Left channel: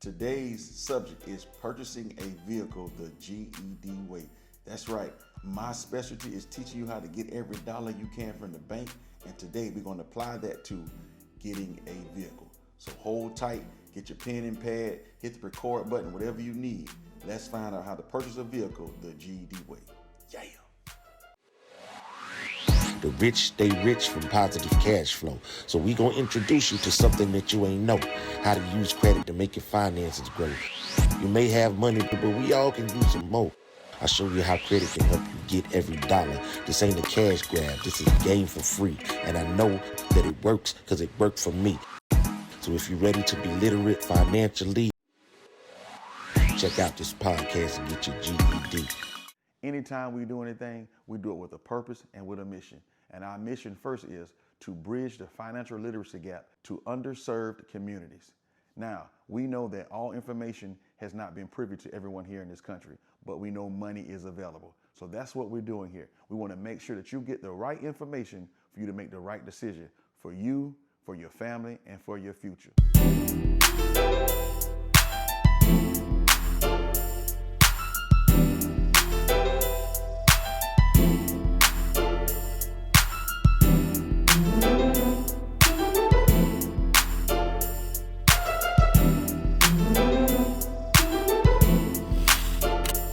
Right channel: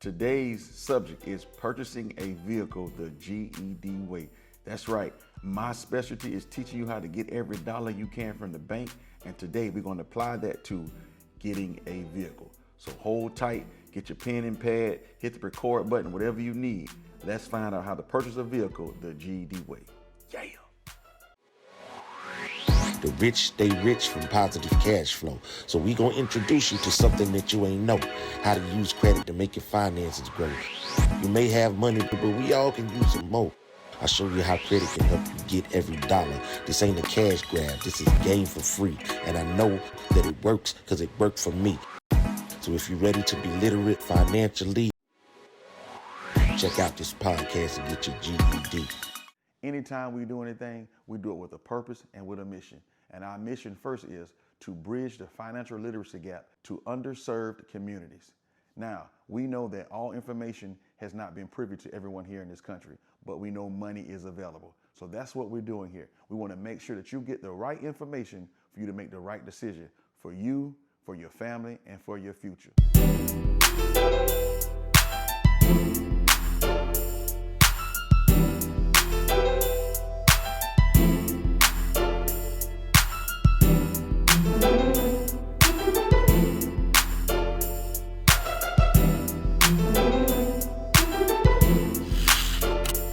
Today's subject is purchasing a vehicle the GED way. That's right. My specialty is teaching you how to get every dollar you can from the bank. And today we're going to apply that to getting a vehicle. So hold tight, get your pen and pad, hit the record button, whatever you need. Let's find out how to purchase a vehicle the GED way. Yeah. The rich stay rich from positive cash flow. So we gonna introduce you to something that you ain't know. How to use credit to make your finances grow. You may have money, but we all can use some more. I'll show you how credit can help you get every dollar. This ain't a cash grab. This is game for free. And I know that it works because it worked for me. So if you're ready to be literate financially, check out this podcast and get your GED. Anytime we do anything, we do it with a purpose and with a mission. And our mission first is to bridge the financial literacy gap to underserved communities. Now, we know that all information has not been privy to everyone here in this country, but we know money is available. So that's what we're doing here. We want to make sure that you get the right information for you to make the right decision for you, for your family, and for your future.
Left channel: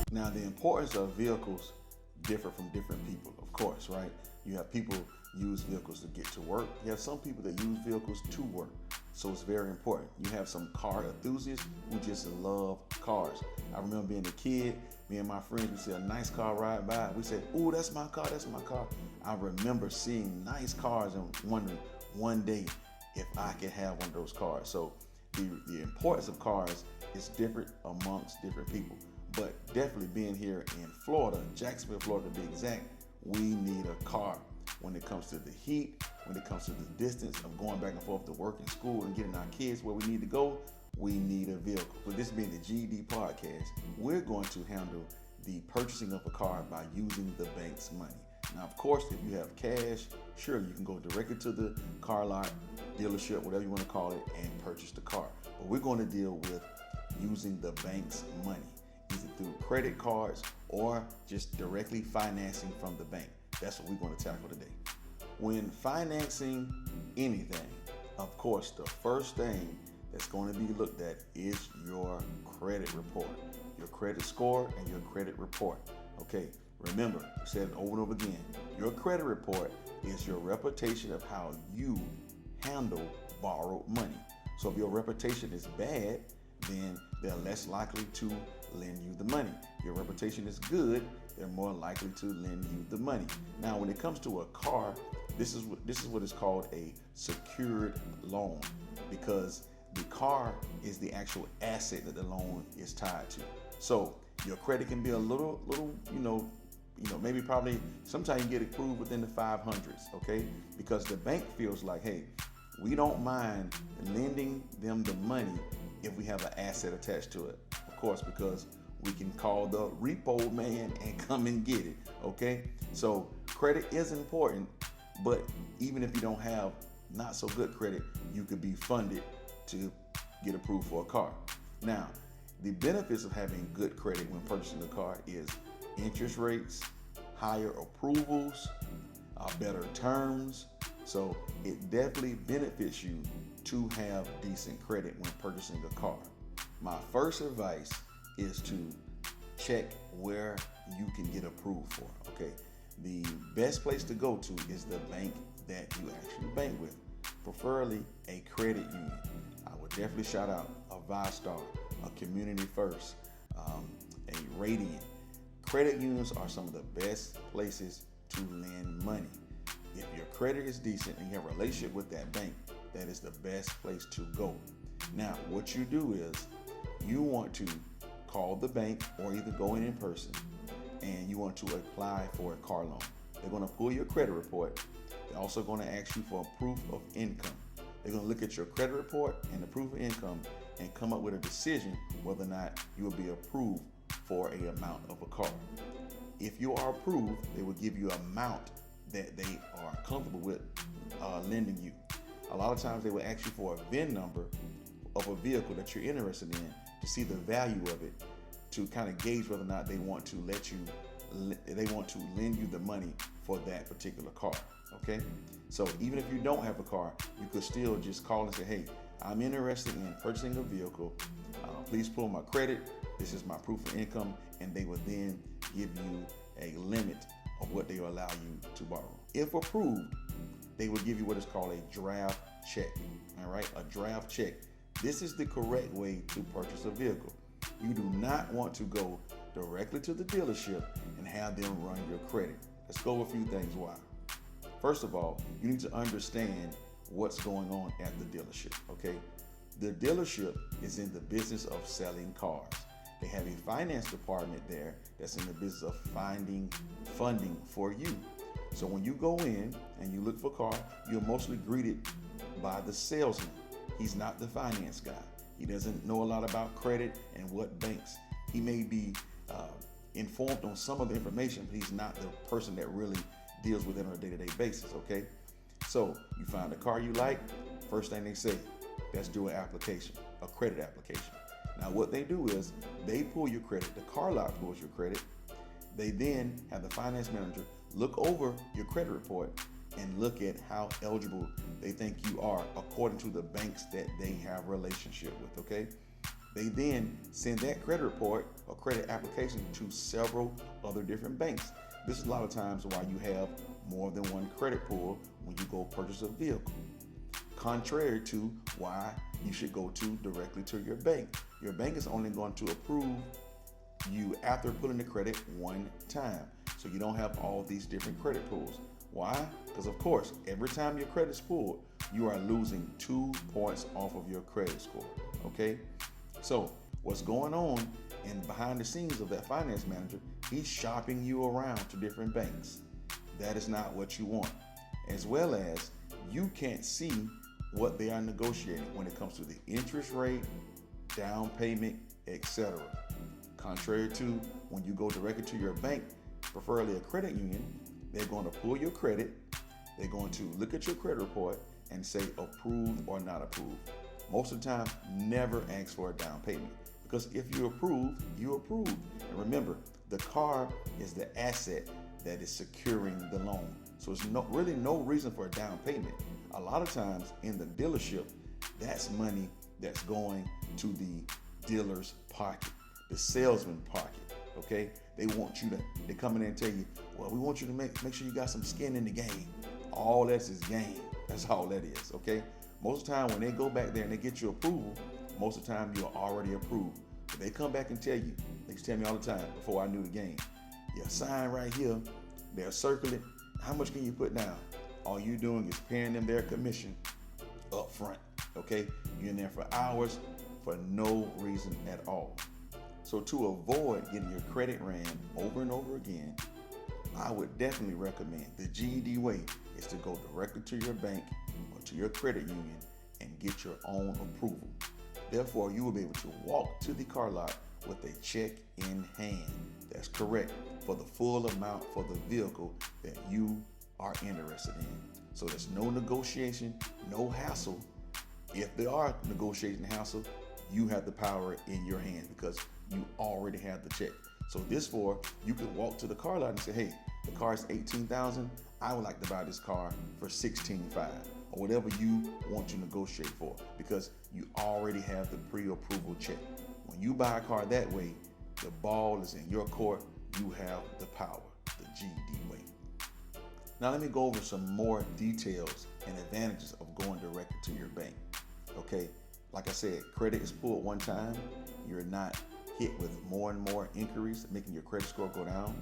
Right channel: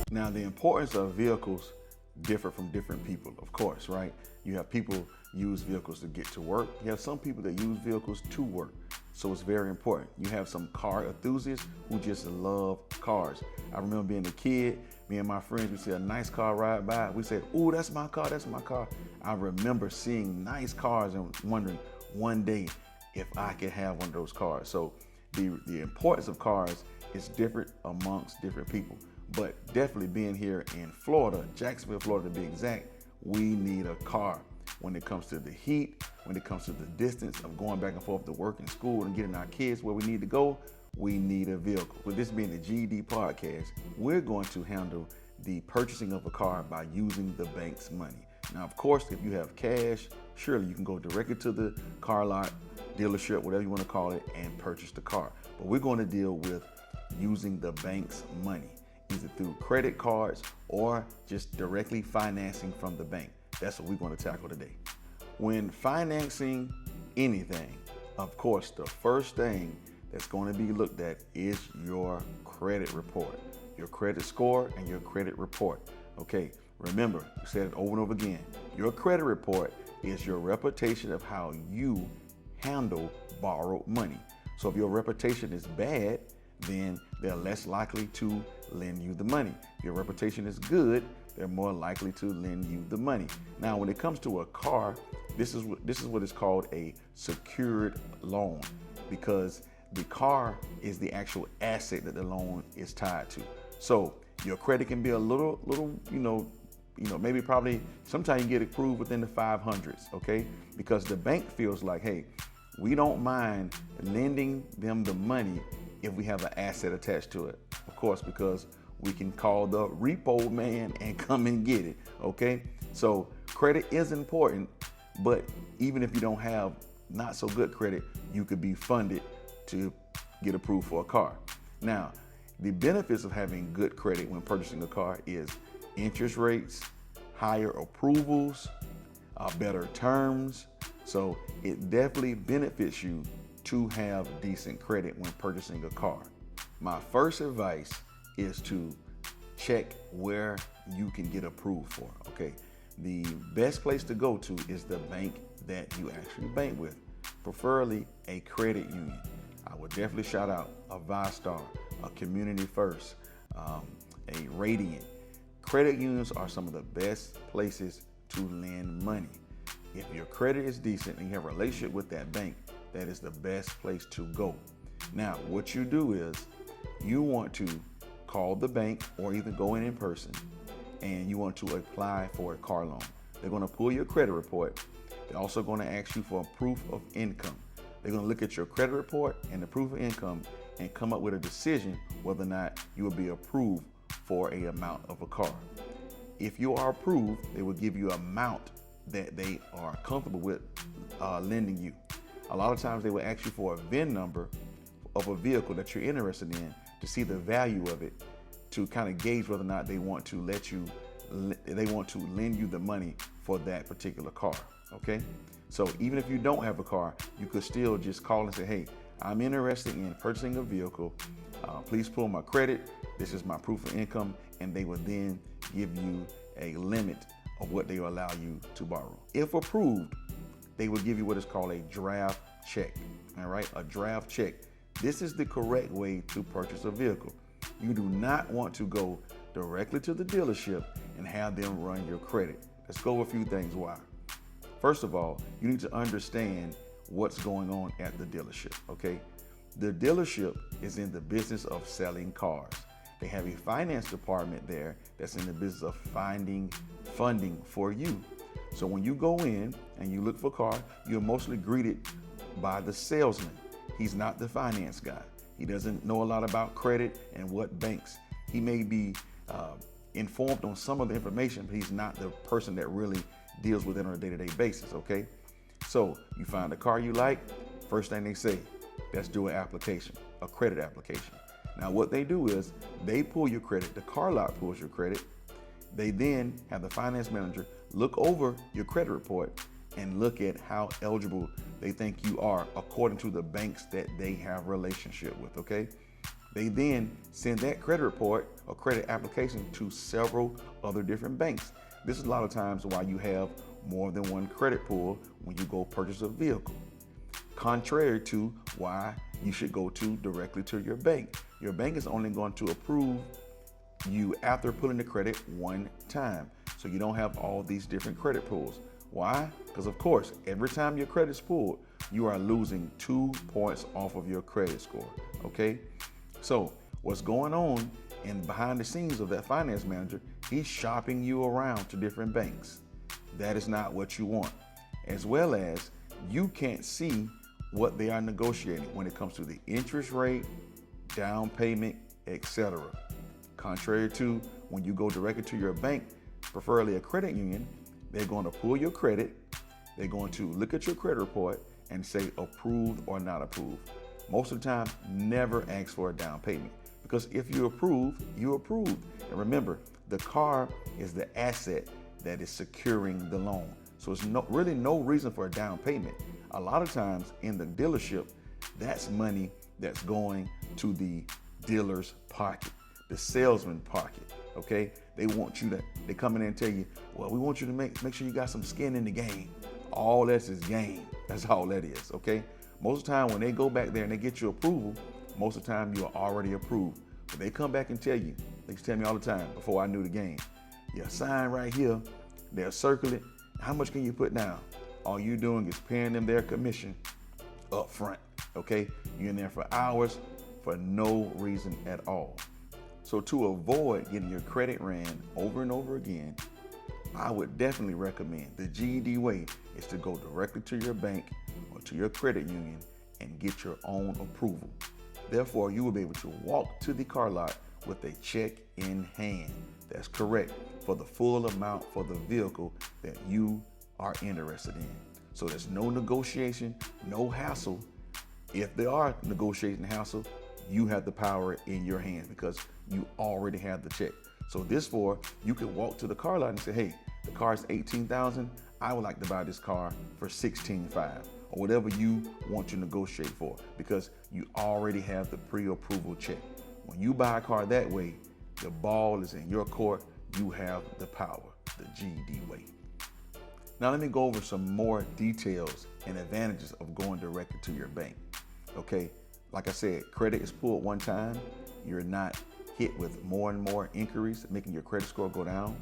Now, the importance of vehicles differ from different people, of course, right? You have people use vehicles to get to work. You have some people that use vehicles to work. So it's very important. You have some car enthusiasts who just love cars. I remember being a kid, me and my friends, we see a nice car ride by. We said, "Ooh, that's my car, that's my car." I remember seeing nice cars and wondering one day if I could have one of those cars. So the importance of cars is different amongst different people. But definitely being here in Florida, Jacksonville, Florida to be exact, we need a car when it comes to the heat, when it comes to the distance of going back and forth to work and school and getting our kids where we need to go. We need a vehicle. With this being the GED podcast, we're going to handle the purchasing of a car by using the bank's money. Now, of course, if you have cash, surely you can go directly to the car lot, dealership, whatever you want to call it, and purchase the car. But we're going to deal with using the bank's money, either through credit cards or just directly financing from the bank. That's what we're going to tackle today. When financing anything, of course, the first thing that's going to be looked at is your credit report, your credit score, and your credit report. Okay, remember, I said it over and over again, your credit report is your reputation of how you handle borrowed money. So if your reputation is bad, then they're less likely to lend you the money. If your reputation is good, they're more likely to lend you the money. Now, when it comes to a car, this is what is called a secured loan, because the car is the actual asset that the loan is tied to. So your credit can be a little, maybe probably sometimes you get approved within the 500s, okay? Because the bank feels like, hey, we don't mind lending them the money if we have an asset attached to it. Of course, because we can call the repo man and come and get it, okay? So credit is important, but even if you don't have not so good credit, you could be funded to get approved for a car. Now, the benefits of having good credit when purchasing a car is interest rates, higher approvals, better terms. So it definitely benefits you to have decent credit when purchasing a car. My first advice is to check where you can get approved for, okay? The best place to go to is the bank that you actually bank with, preferably a credit union. I would definitely shout out a ViStar, a Community First, a Radiant. Credit unions are some of the best places to lend money. If your credit is decent and you have a relationship with that bank, that is the best place to go. Now, what you do is you want to call the bank or either go in person, and you want to apply for a car loan. They're going to pull your credit report. They're also going to ask you for a proof of income. They're going to look at your credit report and the proof of income and come up with a decision whether or not you will be approved for a amount of a car. If you are approved, they will give you an amount that they are comfortable with lending you. A lot of times they will ask you for a VIN number of a vehicle that you're interested in to see the value of it, to kind of gauge whether or not they want to lend you the money for that particular car. Okay, so even if you don't have a car, you could still just call and say, hey, I'm interested in purchasing a vehicle. Please pull my credit. This is my proof of income, and they will then give you a limit of what they will allow you to borrow. If approved, they will give you what is called a draft check. All right, a draft check. This is the correct way to purchase a vehicle. You do not want to go directly to the dealership and have them run your credit. Let's go over a few things why. First of all, you need to understand what's going on at the dealership, okay? The dealership is in the business of selling cars. They have a finance department there that's in the business of finding funding for you. So when you go in and you look for a car, you're mostly greeted by the salesman. He's not the finance guy. He doesn't know a lot about credit and what banks. He may be informed on some of the information, but he's not the person that really deals with it on a day-to-day basis, okay? So you find a car you like, first thing they say, let's do an application, a credit application. Now what they do is they pull your credit, the car lot pulls your credit. They then have the finance manager look over your credit report and look at how eligible they think you are according to the banks that they have relationship with, okay? They then send that credit report or credit application to several other different banks. This is a lot of times why you have more than one credit pull when you go purchase a vehicle. Contrary to why you should go directly to your bank. Your bank is only going to approve you after pulling the credit one time. So you don't have all these different credit pulls. Why? Because of course, every time your credit's pulled, you are losing 2 points off of your credit score, okay? So what's going on in behind the scenes of that finance manager, he's shopping you around to different banks. That is not what you want. As well as you can't see what they are negotiating when it comes to the interest rate, down payment, etc. Contrary to when you go directly to your bank, preferably a credit union, they're going to pull your credit, they're going to look at your credit report and say approved or not approved. Most of the time, never ask for a down payment, because if you approve, you approve. And remember, the car is the asset that is securing the loan. So it's really no reason for a down payment. A lot of times in the dealership, that's money that's going to the dealer's pocket, the salesman pocket, okay? They come in and tell you, well, we want you to make sure you got some skin in the game. All that's is game. That's all that is, okay? Most of the time when they go back there and they get your approval, most of the time you're already approved. But they come back and tell you, they used to tell me all the time before I knew the game, your sign right here, they'll circle it. How much can you put down? All you're doing is paying them their commission up front, okay? You're in there for hours for no reason at all. So to avoid getting your credit ran over and over again, I would definitely recommend the GED way is to go directly to your bank or to your credit union and get your own approval. Therefore, you will be able to walk to the car lot with a check in hand. That's correct, for the full amount for the vehicle that you are interested in. So there's no negotiation, no hassle. If there are negotiation hassle, you have the power in your hand because you already have the check. So this you can walk to the car lot and say, hey, the car is $18,000. I would like to buy this car for $16,500 or whatever you want to negotiate for, because you already have the pre-approval check. When you buy a car that way, the ball is in your court. You have the power, the GED way. Now let me go over some more details and advantages of going directly to your bank. Okay, like I said, credit is pulled one time. You're not hit with more and more inquiries, making your credit score go down.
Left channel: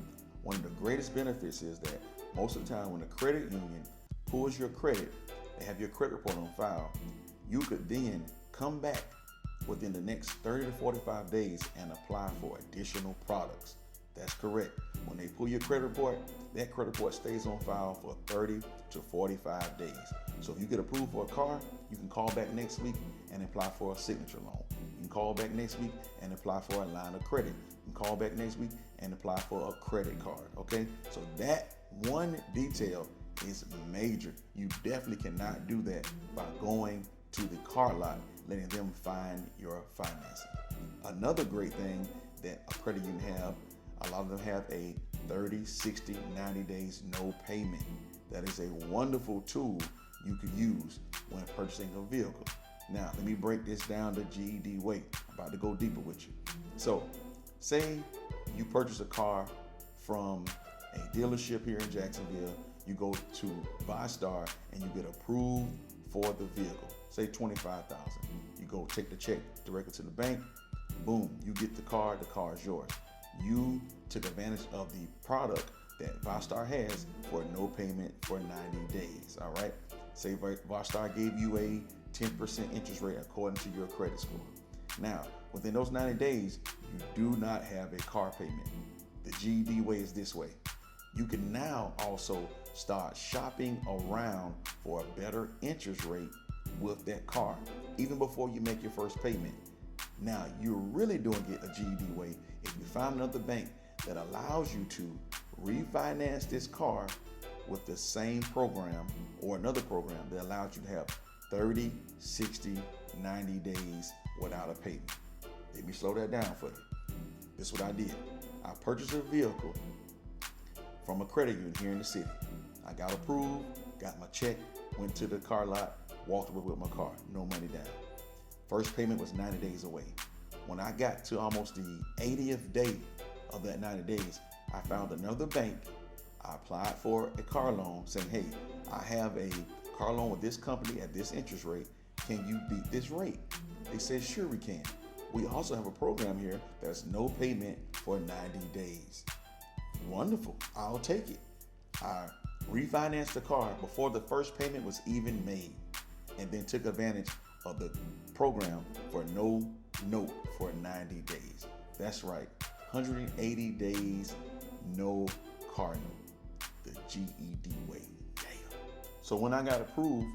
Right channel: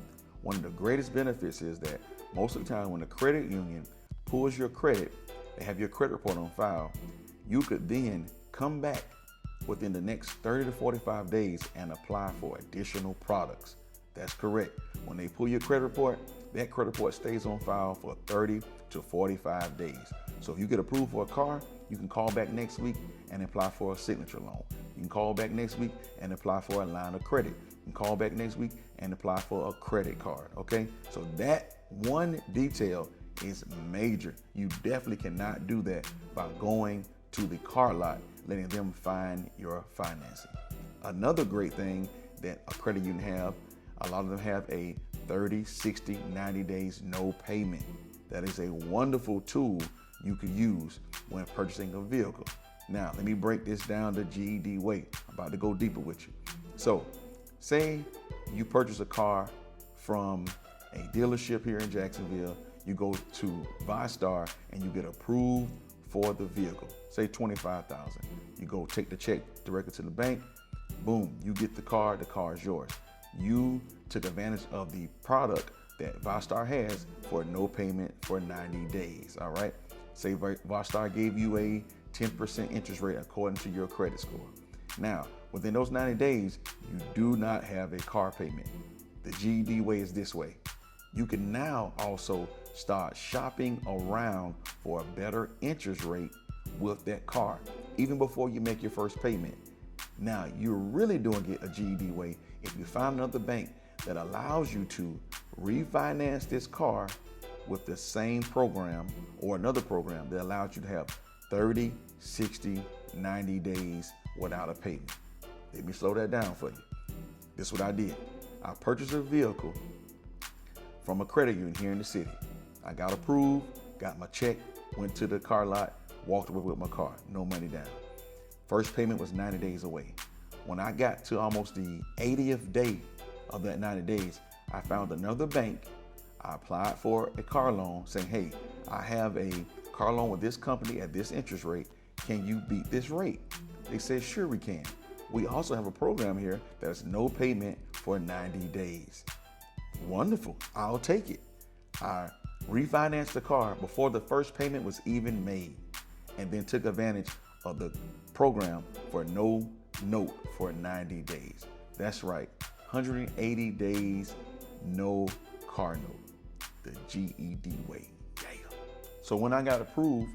One of the greatest benefits is that most of the time when the credit union pulls your credit, they have your credit report on file. You could then come back within the next 30 to 45 days and apply for additional products. That's correct. When they pull your credit report, that credit report stays on file for 30 to 45 days. So if you get approved for a car, you can call back next week and apply for a signature loan. You can call back next week and apply for a line of credit. You can call back next week and apply for a credit card, okay? So that one detail is major. You definitely cannot do that by going to the car lot letting them find your financing. Another great thing that a credit union have, a lot of them have a 30, 60, 90 days no payment. That is a wonderful tool you could use when purchasing a vehicle. Now, let me break this down the GED way. I'm about to go deeper with you. So, say you purchase a car from a dealership here in Jacksonville. You go to ViStar and you get approved for the vehicle. Say $25,000. You go take the check directly to the bank. Boom, you get the car is yours. You took advantage of the product that ViStar has for no payment for 90 days, all right? Say ViStar gave you a 10% interest rate according to your credit score. Now, within those 90 days, you do not have a car payment. The GED way is this way. You can now also start shopping around for a better interest rate with that car, even before you make your first payment. Now, you're really doing it a GED way if you find another bank that allows you to refinance this car with the same program or another program that allows you to have 30, 60, 90 days without a payment. Let me slow that down for you. This is what I did. I purchased a vehicle from a credit union here in the city. I got approved, got my check, went to the car lot, walked away with my car, no money down. First payment was 90 days away. When I got to almost the 80th day of that 90 days, I found another bank. I applied for a car loan saying, hey, I have a car loan with this company at this interest rate. Can you beat this rate? They said, sure we can. We also have a program here that's no payment for 90 days. Wonderful, I'll take it. I refinanced the car before the first payment was even made, and then took advantage of the program for no note for 90 days. That's right, 180 days, no car note. The GED way. Damn. So when I got approved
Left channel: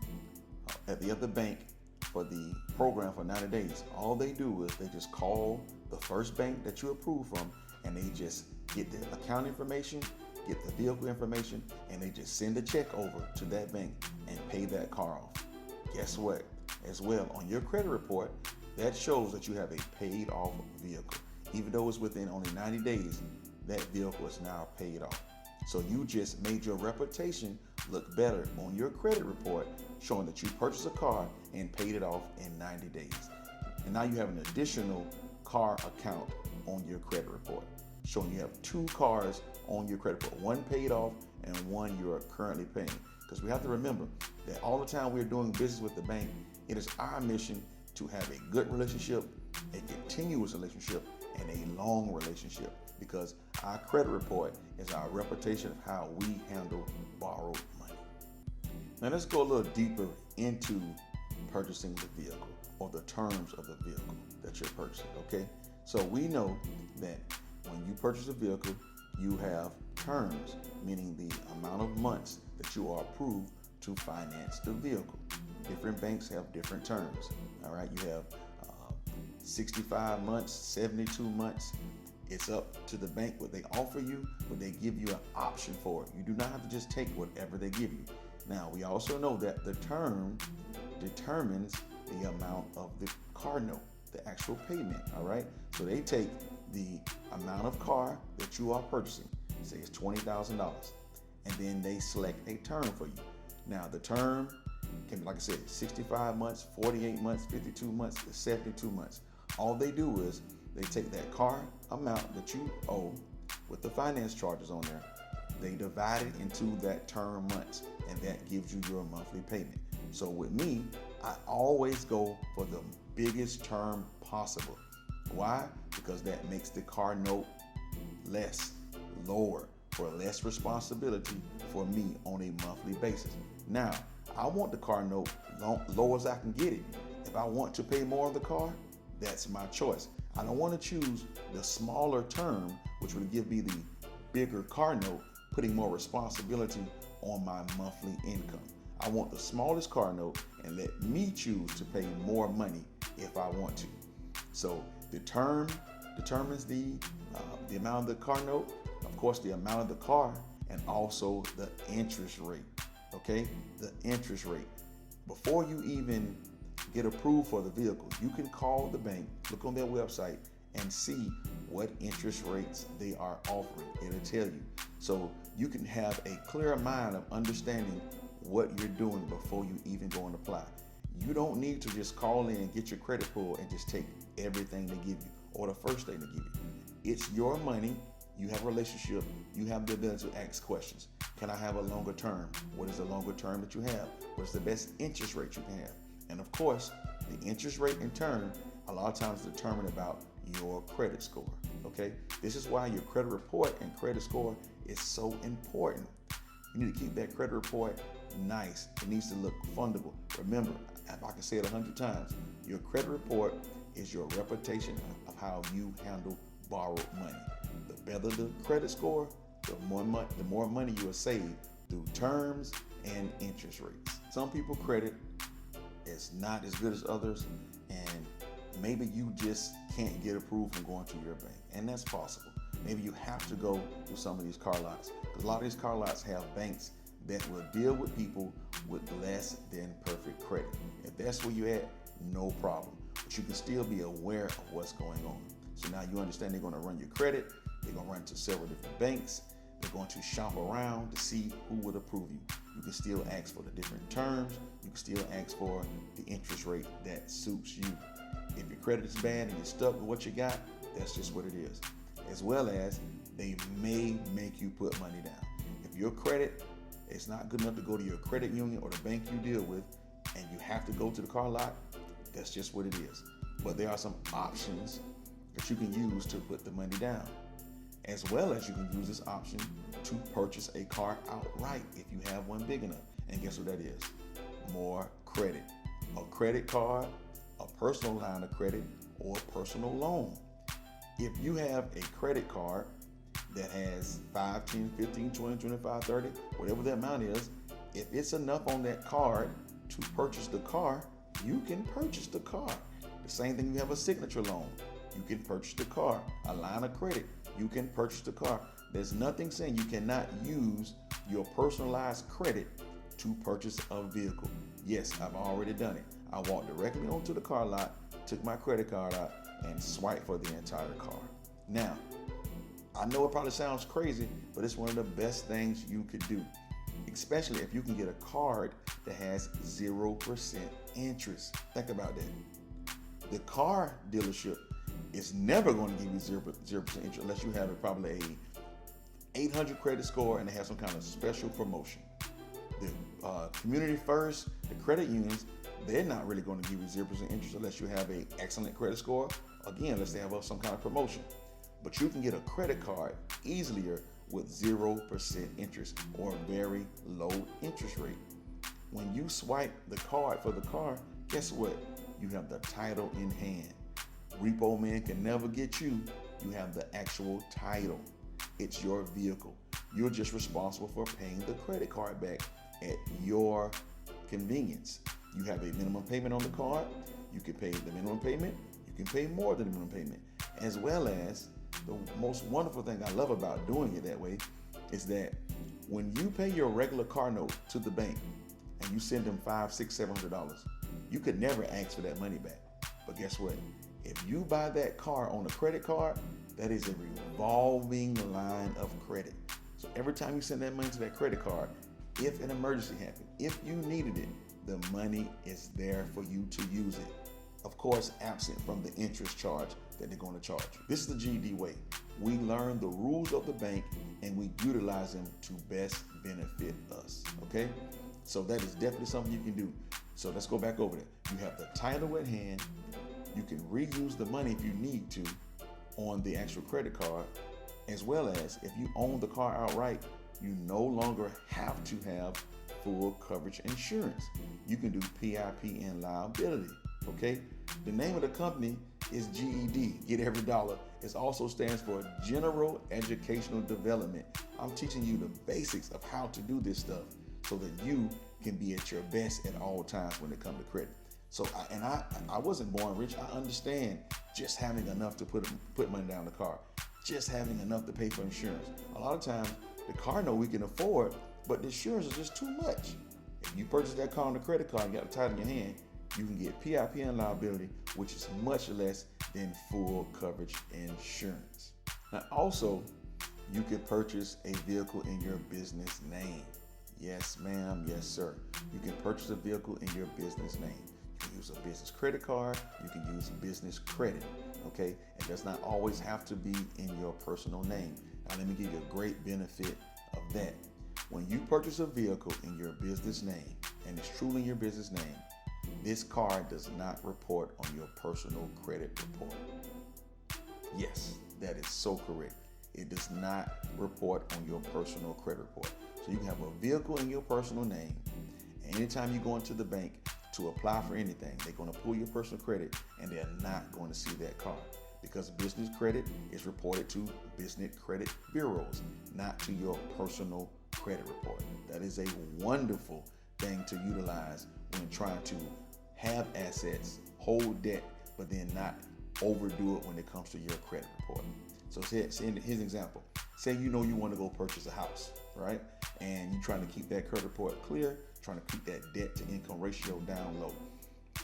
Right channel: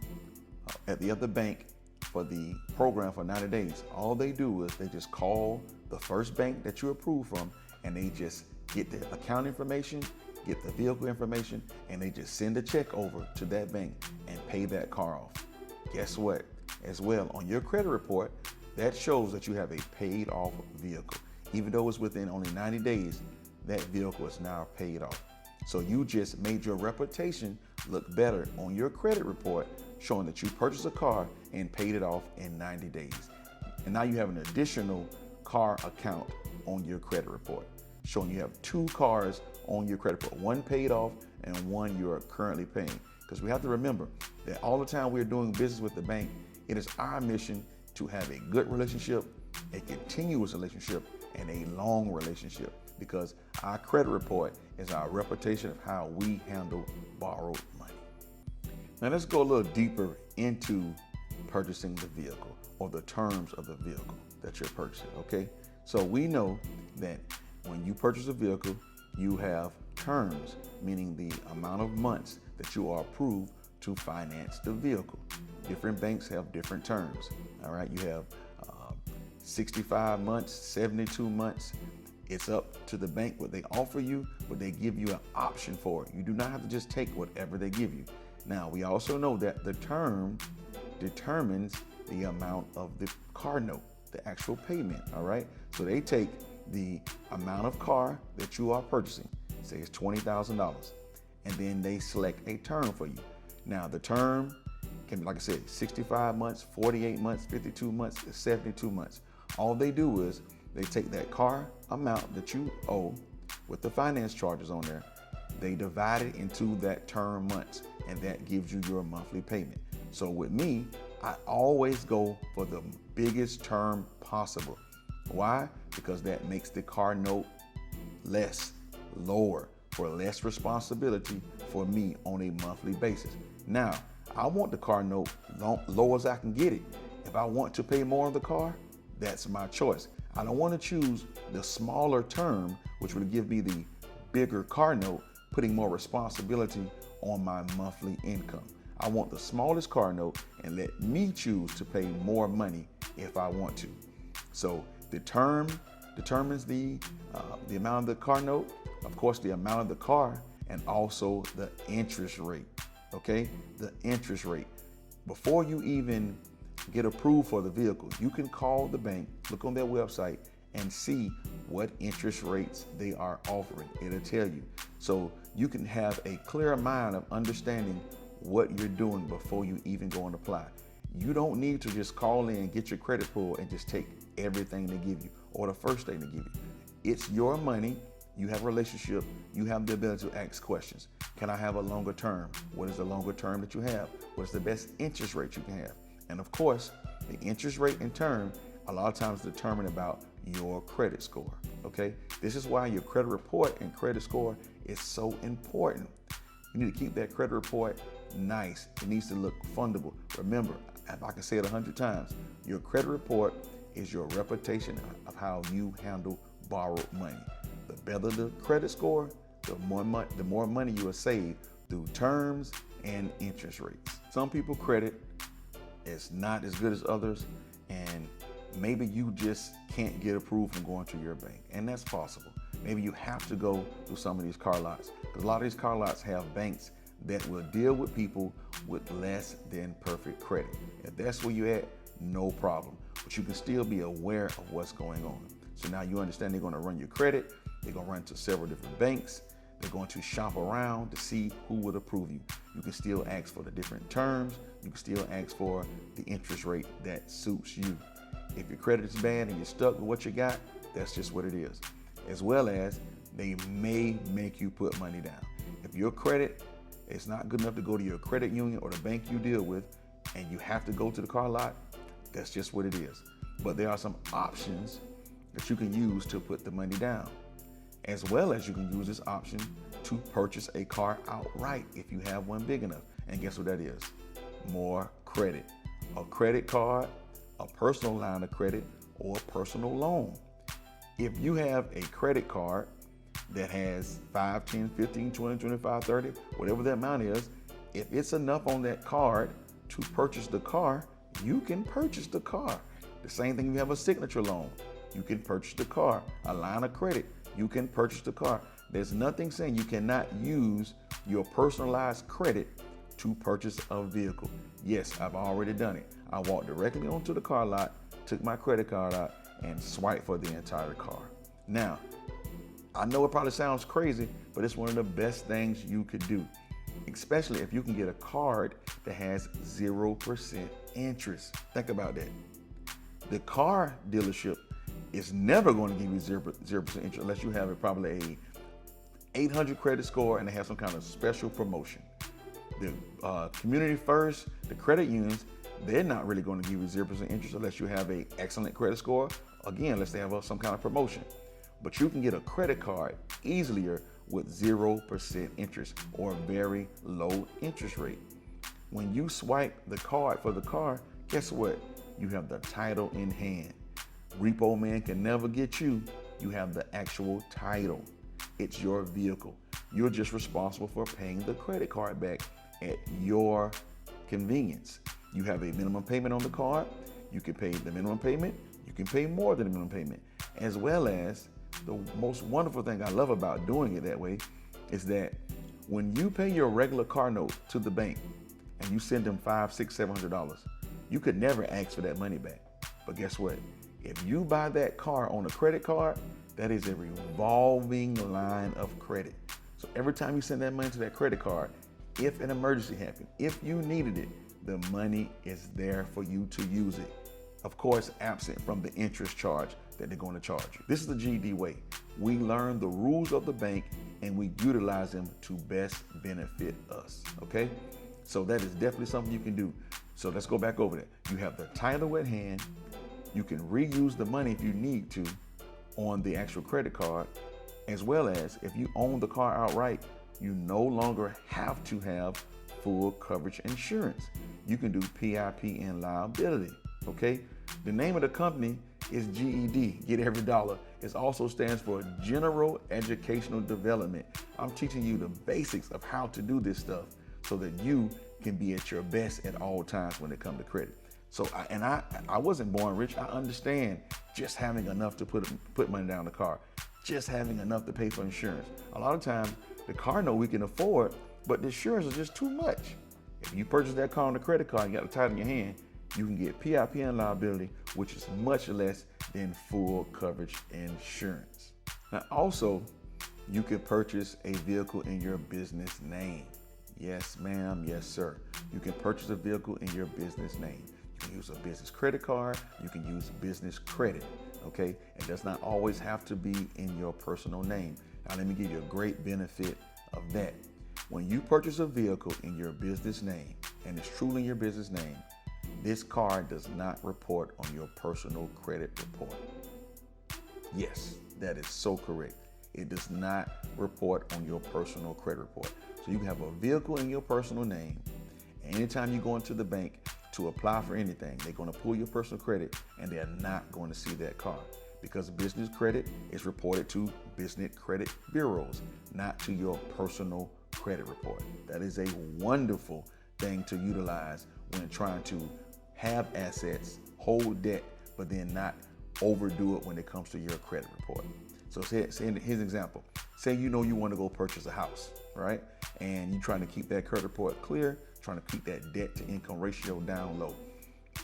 at the other bank for the program for 90 days, all they do is they just call the first bank that you approved from, and they just get the account information, get the vehicle information, and they just send a check over to that bank and pay that car off. Guess what? As well, on your credit report, that shows that you have a paid off vehicle. Even though it's within only 90 days, that vehicle is now paid off. So you just made your reputation look better on your credit report, showing that you purchased a car and paid it off in 90 days. And now you have an additional car account on your credit report, showing you have two cars on your credit report, one paid off and one you're currently paying. Because we have to remember that all the time we're doing business with the bank, it is our mission to have a good relationship, a continuous relationship, and a long relationship, because our credit report is our reputation of how we handle borrowed money. Now let's go a little deeper into purchasing the vehicle, or the terms of the vehicle that you're purchasing, okay? So we know that when you purchase a vehicle, you have terms, meaning the amount of months that you are approved to finance the vehicle. Different banks have different terms, all right? You have 65 months, 72 months. It's up to the bank what they offer you, but they give you an option for it. You do not have to just take whatever they give you. Now, we also know that the term determines the amount of the car note, the actual payment, all right? So they take the amount of car that you are purchasing, say it's $20,000, and then they select a term for you. Now, the term can be, like I said, 65 months, 48 months, 52 months, 72 months. All they do is they take that car amount that you owe with the finance charges on there, they divide it into that term months, and that gives you your monthly payment. So with me, I always go for the biggest term possible. Why? Because that makes the car note less, lower, for less responsibility for me on a monthly basis. Now, I want the car note low as I can get it. If I want to pay more on the car, that's my choice. I don't want to choose the smaller term, which would give me the bigger car note, putting more responsibility on my monthly income. I want the smallest car note and let me choose to pay more money if I want to. So the term determines the amount of the car note, of course, the amount of the car, and also the interest rate. Okay, the interest rate. Before you even get approved for the vehicle, you can call the bank, look on their website, and see what interest rates they are offering. It'll tell you. So you can have a clear mind of understanding what you're doing before you even go and apply. You don't need to just call in and get your credit pulled and just take everything they give you or the first thing they give you. It's your money. You have a relationship. You have the ability to ask questions. Can I have a longer term? What is the longer term that you have? What's the best interest rate you can have? And of course, the interest rate and term a lot of times determine about your credit score. Okay, this is why your credit report and credit score is so important. You need to keep that credit report nice. It needs to look fundable. Remember, if I can say it 100 times, your credit report is your reputation of how you handle borrowed money. The better the credit score, the more money you will save through terms and interest rates. Some people credit is not as good as others, and maybe you just can't get approved from going to your bank, and that's possible. Maybe you have to go to some of these car lots, because a lot of these car lots have banks that will deal with people with less than perfect credit. If that's where you're at, no problem. But you can still be aware of what's going on. So now you understand they're going to run your credit. They're going to run to several different banks. They're going to shop around to see who would approve you. You can still ask for the different terms. You can still ask for the interest rate that suits you. If your credit is bad and you're stuck with what you got, that's just what it is. As well as they may make you put money down. If your credit is not good enough to go to your credit union or the bank you deal with, and you have to go to the car lot, that's just what it is. But there are some options that you can use to put the money down. As well as you can use this option to purchase a car outright if you have one big enough. And guess what that is? More credit. A credit card, a personal line of credit, or a personal loan. If you have a credit card that has 5, 10, 15, 20, 25, 30, whatever that amount is, if it's enough on that card to purchase the car, you can purchase the car. The same thing if you have a signature loan. You can purchase the car. A line of credit, you can purchase the car. There's nothing saying you cannot use your personalized credit to purchase a vehicle. Yes, I've already done it. I walked directly onto the car lot, took my credit card out, and swiped for the entire car. Now, I know it probably sounds crazy, but it's one of the best things you could do, especially if you can get a card that has 0% interest. Think about that. The car dealership is never going to give you 0% interest unless you have probably a 800 credit score and they have some kind of special promotion. The Community First, the credit unions, they're not really going to give you 0% interest unless you have an excellent credit score. Again, unless they have some kind of promotion. But you can get a credit card easier with 0% interest or a very low interest rate. When you swipe the card for the car, guess what? You have the title in hand. Repo man can never get you. You have the actual title. It's your vehicle. You're just responsible for paying the credit card back at your convenience. You have a minimum payment on the card. You can pay the minimum payment. You can pay more than the minimum payment. As well as the most wonderful thing I love about doing it that way is that when you pay your regular car note to the bank and you send them $500, $600, $700, you could never ask for that money back. But guess what? If you buy that car on a credit card, that is a revolving line of credit. So every time you send that money to that credit card, if an emergency happened, if you needed it, the money is there for you to use it. Of course, absent from the interest charge that they're going to charge you. This is the GED way. We learn the rules of the bank and we utilize them to best benefit us, okay? So that is definitely something you can do. So let's go back over that. You have the title at hand. You can reuse the money if you need to on the actual credit card, as well as if you own the car outright, you no longer have to have full coverage insurance. You can do PIP and liability, okay? The name of the company is GED, Get Every Dollar. It also stands for General Educational Development. I'm teaching you the basics of how to do this stuff so that you can be at your best at all times when it comes to credit. So, I wasn't born rich. I understand just having enough to put money down the car, just having enough to pay for insurance. A lot of times, the car note we can afford, but the insurance is just too much. If you purchase that car on a credit card and you got the title in your hand, you can get PIP liability, which is much less than full coverage insurance. Now, also, you can purchase a vehicle in your business name. Yes, ma'am. Yes, sir. You can purchase a vehicle in your business name. You can use a business credit card. You can use business credit. Okay? It does not always have to be in your personal name. Now, let me give you a great benefit of that. When you purchase a vehicle in your business name, and it's truly your business name, this card does not report on your personal credit report. Yes, that is so correct. It does not report on your personal credit report. So you can have a vehicle in your personal name. Anytime you go into the bank to apply for anything, they're going to pull your personal credit and they're not going to see that card, because business credit is reported to business credit bureaus, not to your personal credit report. That is a wonderful thing to utilize when trying to have assets, hold debt, but then not overdo it when it comes to your credit report. So here's an example. Say you know you want to go purchase a house, right? And you're trying to keep that credit report clear, trying to keep that debt to income ratio down low.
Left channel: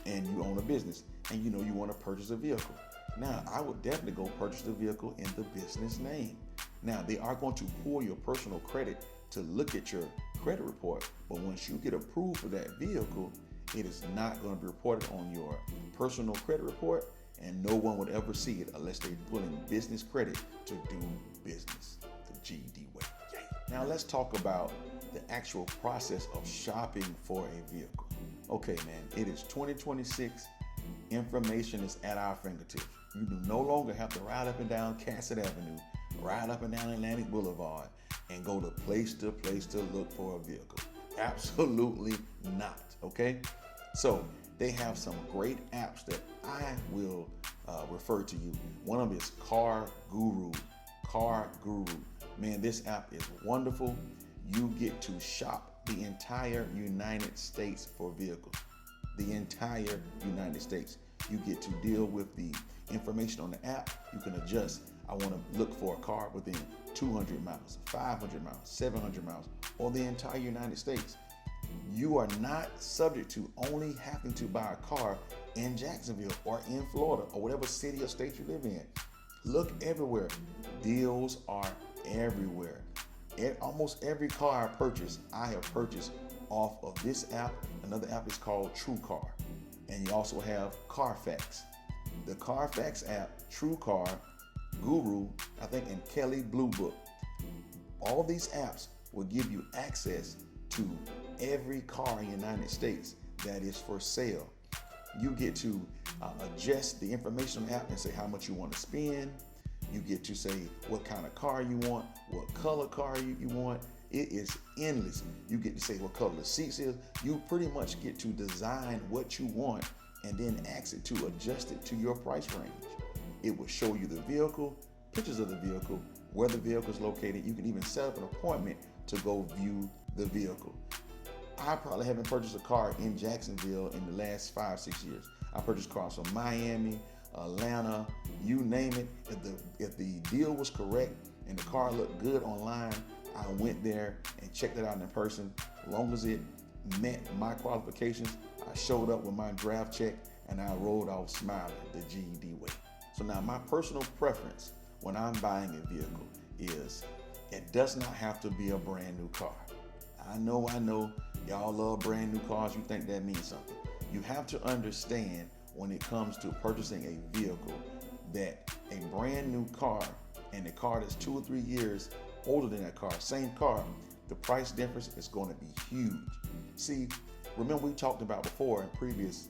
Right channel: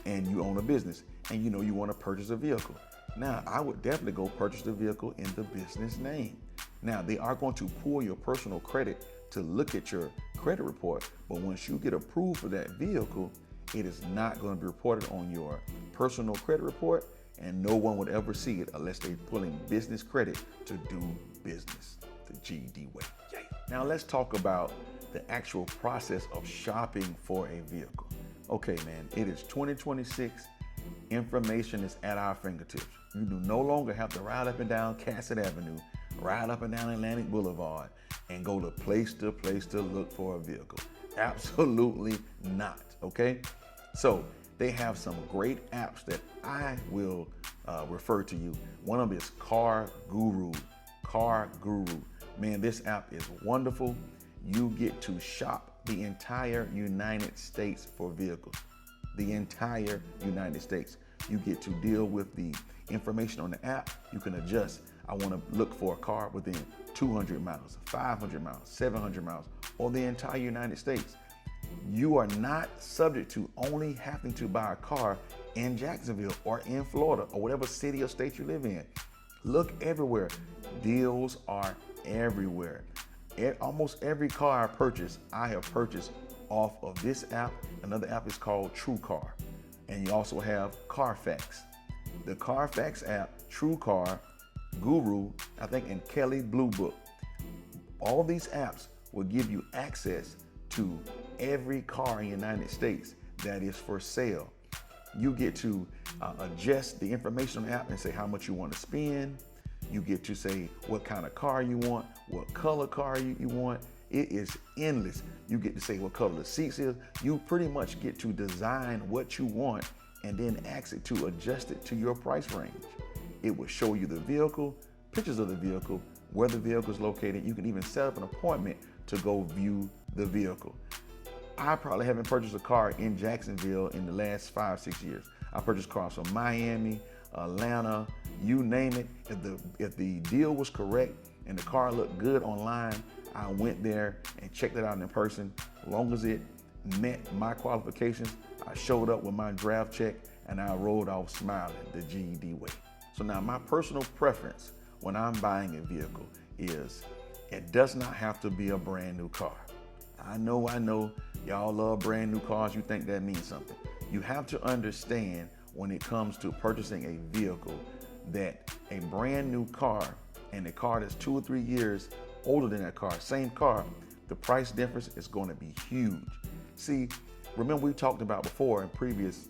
And you own a business and you know you want to purchase a vehicle. Now, I would definitely go purchase the vehicle in the business name. Now, they are going to pull your personal credit to look at your credit report, but once you get approved for that vehicle, it is not going to be reported on your personal credit report, and no one would ever see it unless they're pulling business credit to do business the GED way. Yay. Now let's talk about the actual process of shopping for a vehicle. Okay, man, it is 2026. Information is at our fingertips. You do no longer have to ride up and down Cassett Avenue, ride up and down Atlantic Boulevard, and go to place to look for a vehicle. Absolutely not, okay? So they have some great apps that I will refer to you. One of them is Car Guru. Car Guru. Man, this app is wonderful. You get to shop the entire United States for vehicles. The entire United States. You get to deal with the information on the app. You can adjust. I want to look for a car within 200 miles, 500 miles, 700 miles, or the entire United States. You are not subject to only having to buy a car in Jacksonville or in Florida or whatever city or state you live in. Look everywhere. Deals are everywhere. Almost every car I have purchased off of this app. Another app is called TrueCar. And you also have Carfax. The Carfax app, TrueCar, Guru, I think, and Kelly Blue Book. All these apps will give you access to every car in the United States that is for sale. You get to adjust the information on the app and say how much you want to spend. You get to say what kind of car you want, what color car you want. It is endless. You get to say what color the seats is. You pretty much get to design what you want and then ask it to adjust it to your price range. It will show you the vehicle, pictures of the vehicle, where the vehicle is located. You can even set up an appointment to go view the vehicle. I probably haven't purchased a car in Jacksonville in the last 5-6 years. I purchased cars from Miami, Atlanta, you name it. If the deal was correct and the car looked good online, I went there and checked it out in person. As long as it met my qualifications, I showed up with my draft check and I rolled off smiling the GED way. So now my personal preference when I'm buying a vehicle is it does not have to be a brand new car. I know y'all love brand new cars. You think that means something. You have to understand when it comes to purchasing a vehicle that a brand new car and a car that's 2 or 3 years older than that car, same car, the price difference is going to be huge. See, remember we talked about before in previous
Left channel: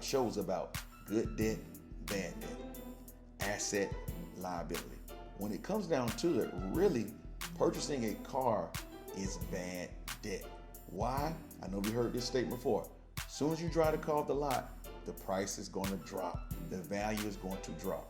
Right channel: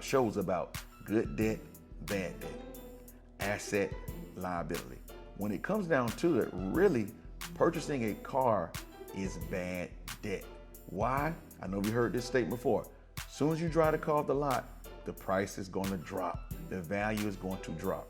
shows about good debt, bad debt, asset, liability. When it comes down to it, really purchasing a car is bad debt. Why? I know we heard this statement before. As soon as you drive the car off the lot, the price is going to drop. The value is going to drop.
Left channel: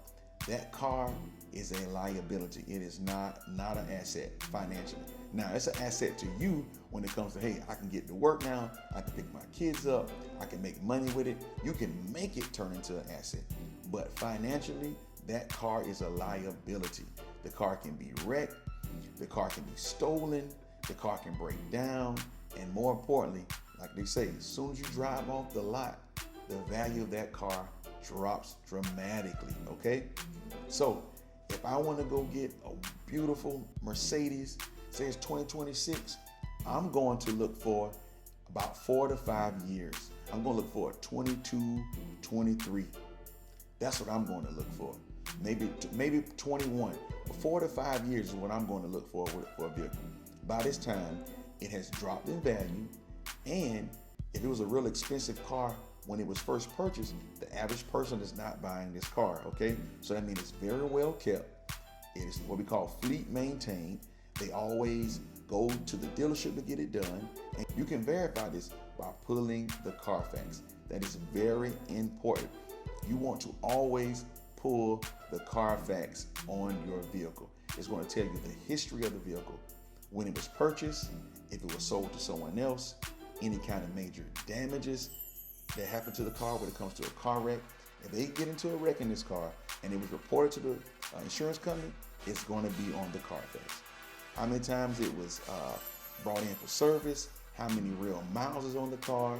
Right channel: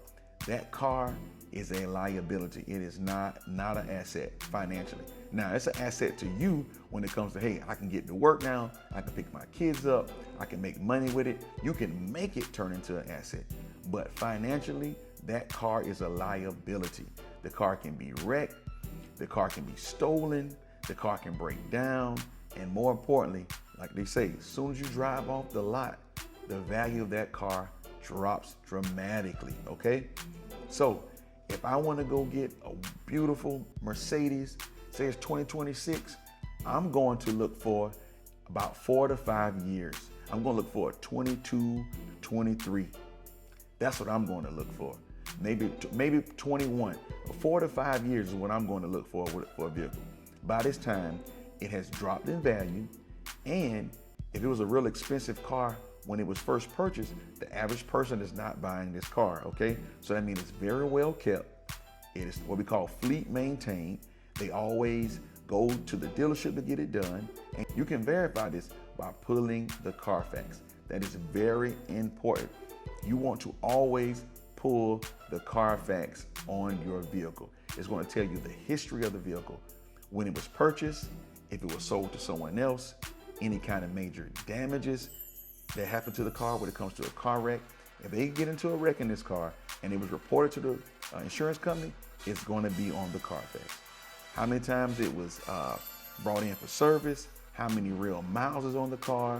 That car is a liability. It is not an asset financially. Now, it's an asset to you when it comes to, hey, I can get to work now. I can pick my kids up. I can make money with it. You can make it turn into an asset. But financially, that car is a liability. The car can be wrecked. The car can be stolen. The car can break down. And more importantly, like they say, as soon as you drive off the lot, the value of that car drops dramatically, okay? So if I want to go get a beautiful Mercedes, say it's 2026, I'm going to look for about 4 to 5 years. I'm going to look for a 22, 23. That's what I'm going to look for. Maybe 21. 4 to 5 years is what I'm going to look for a vehicle. By this time, it has dropped in value, and if it was a real expensive car when it was first purchased, the average person is not buying this car, okay? So that means it's very well kept. It is what we call fleet maintained. They always go to the dealership to get it done, and you can verify this by pulling the Carfax. That is very important. You want to always pull the Carfax on your vehicle. It's going to tell you the history of the vehicle, when it was purchased, if it was sold to someone else, any kind of major damages that happen to the car when it comes to a car wreck. If they get into a wreck in this car and it was reported to the insurance company, it's going to be on the Carfax. How many times it was brought in for service, how many real miles is on the car,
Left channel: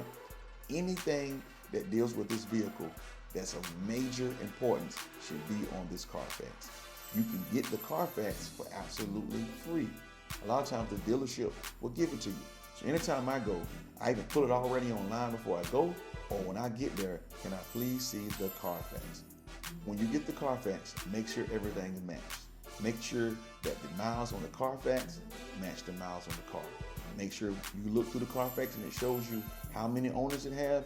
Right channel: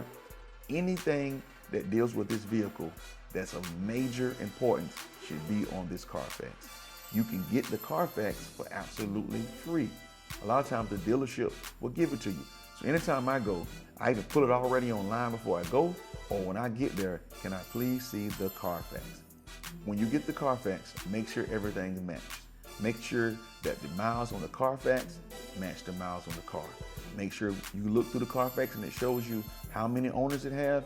anything that deals with this vehicle that's of major importance should be on this Carfax. You can get the Carfax for absolutely free. A lot of times the dealership will give it to you. So anytime I go, I either pull it already online before I go, or when I get there, can I please see the Carfax? When you get the Carfax, make sure everything matches. Make sure that the miles on the Carfax match the miles on the car. Make sure you look through the Carfax and it shows you how many owners it has.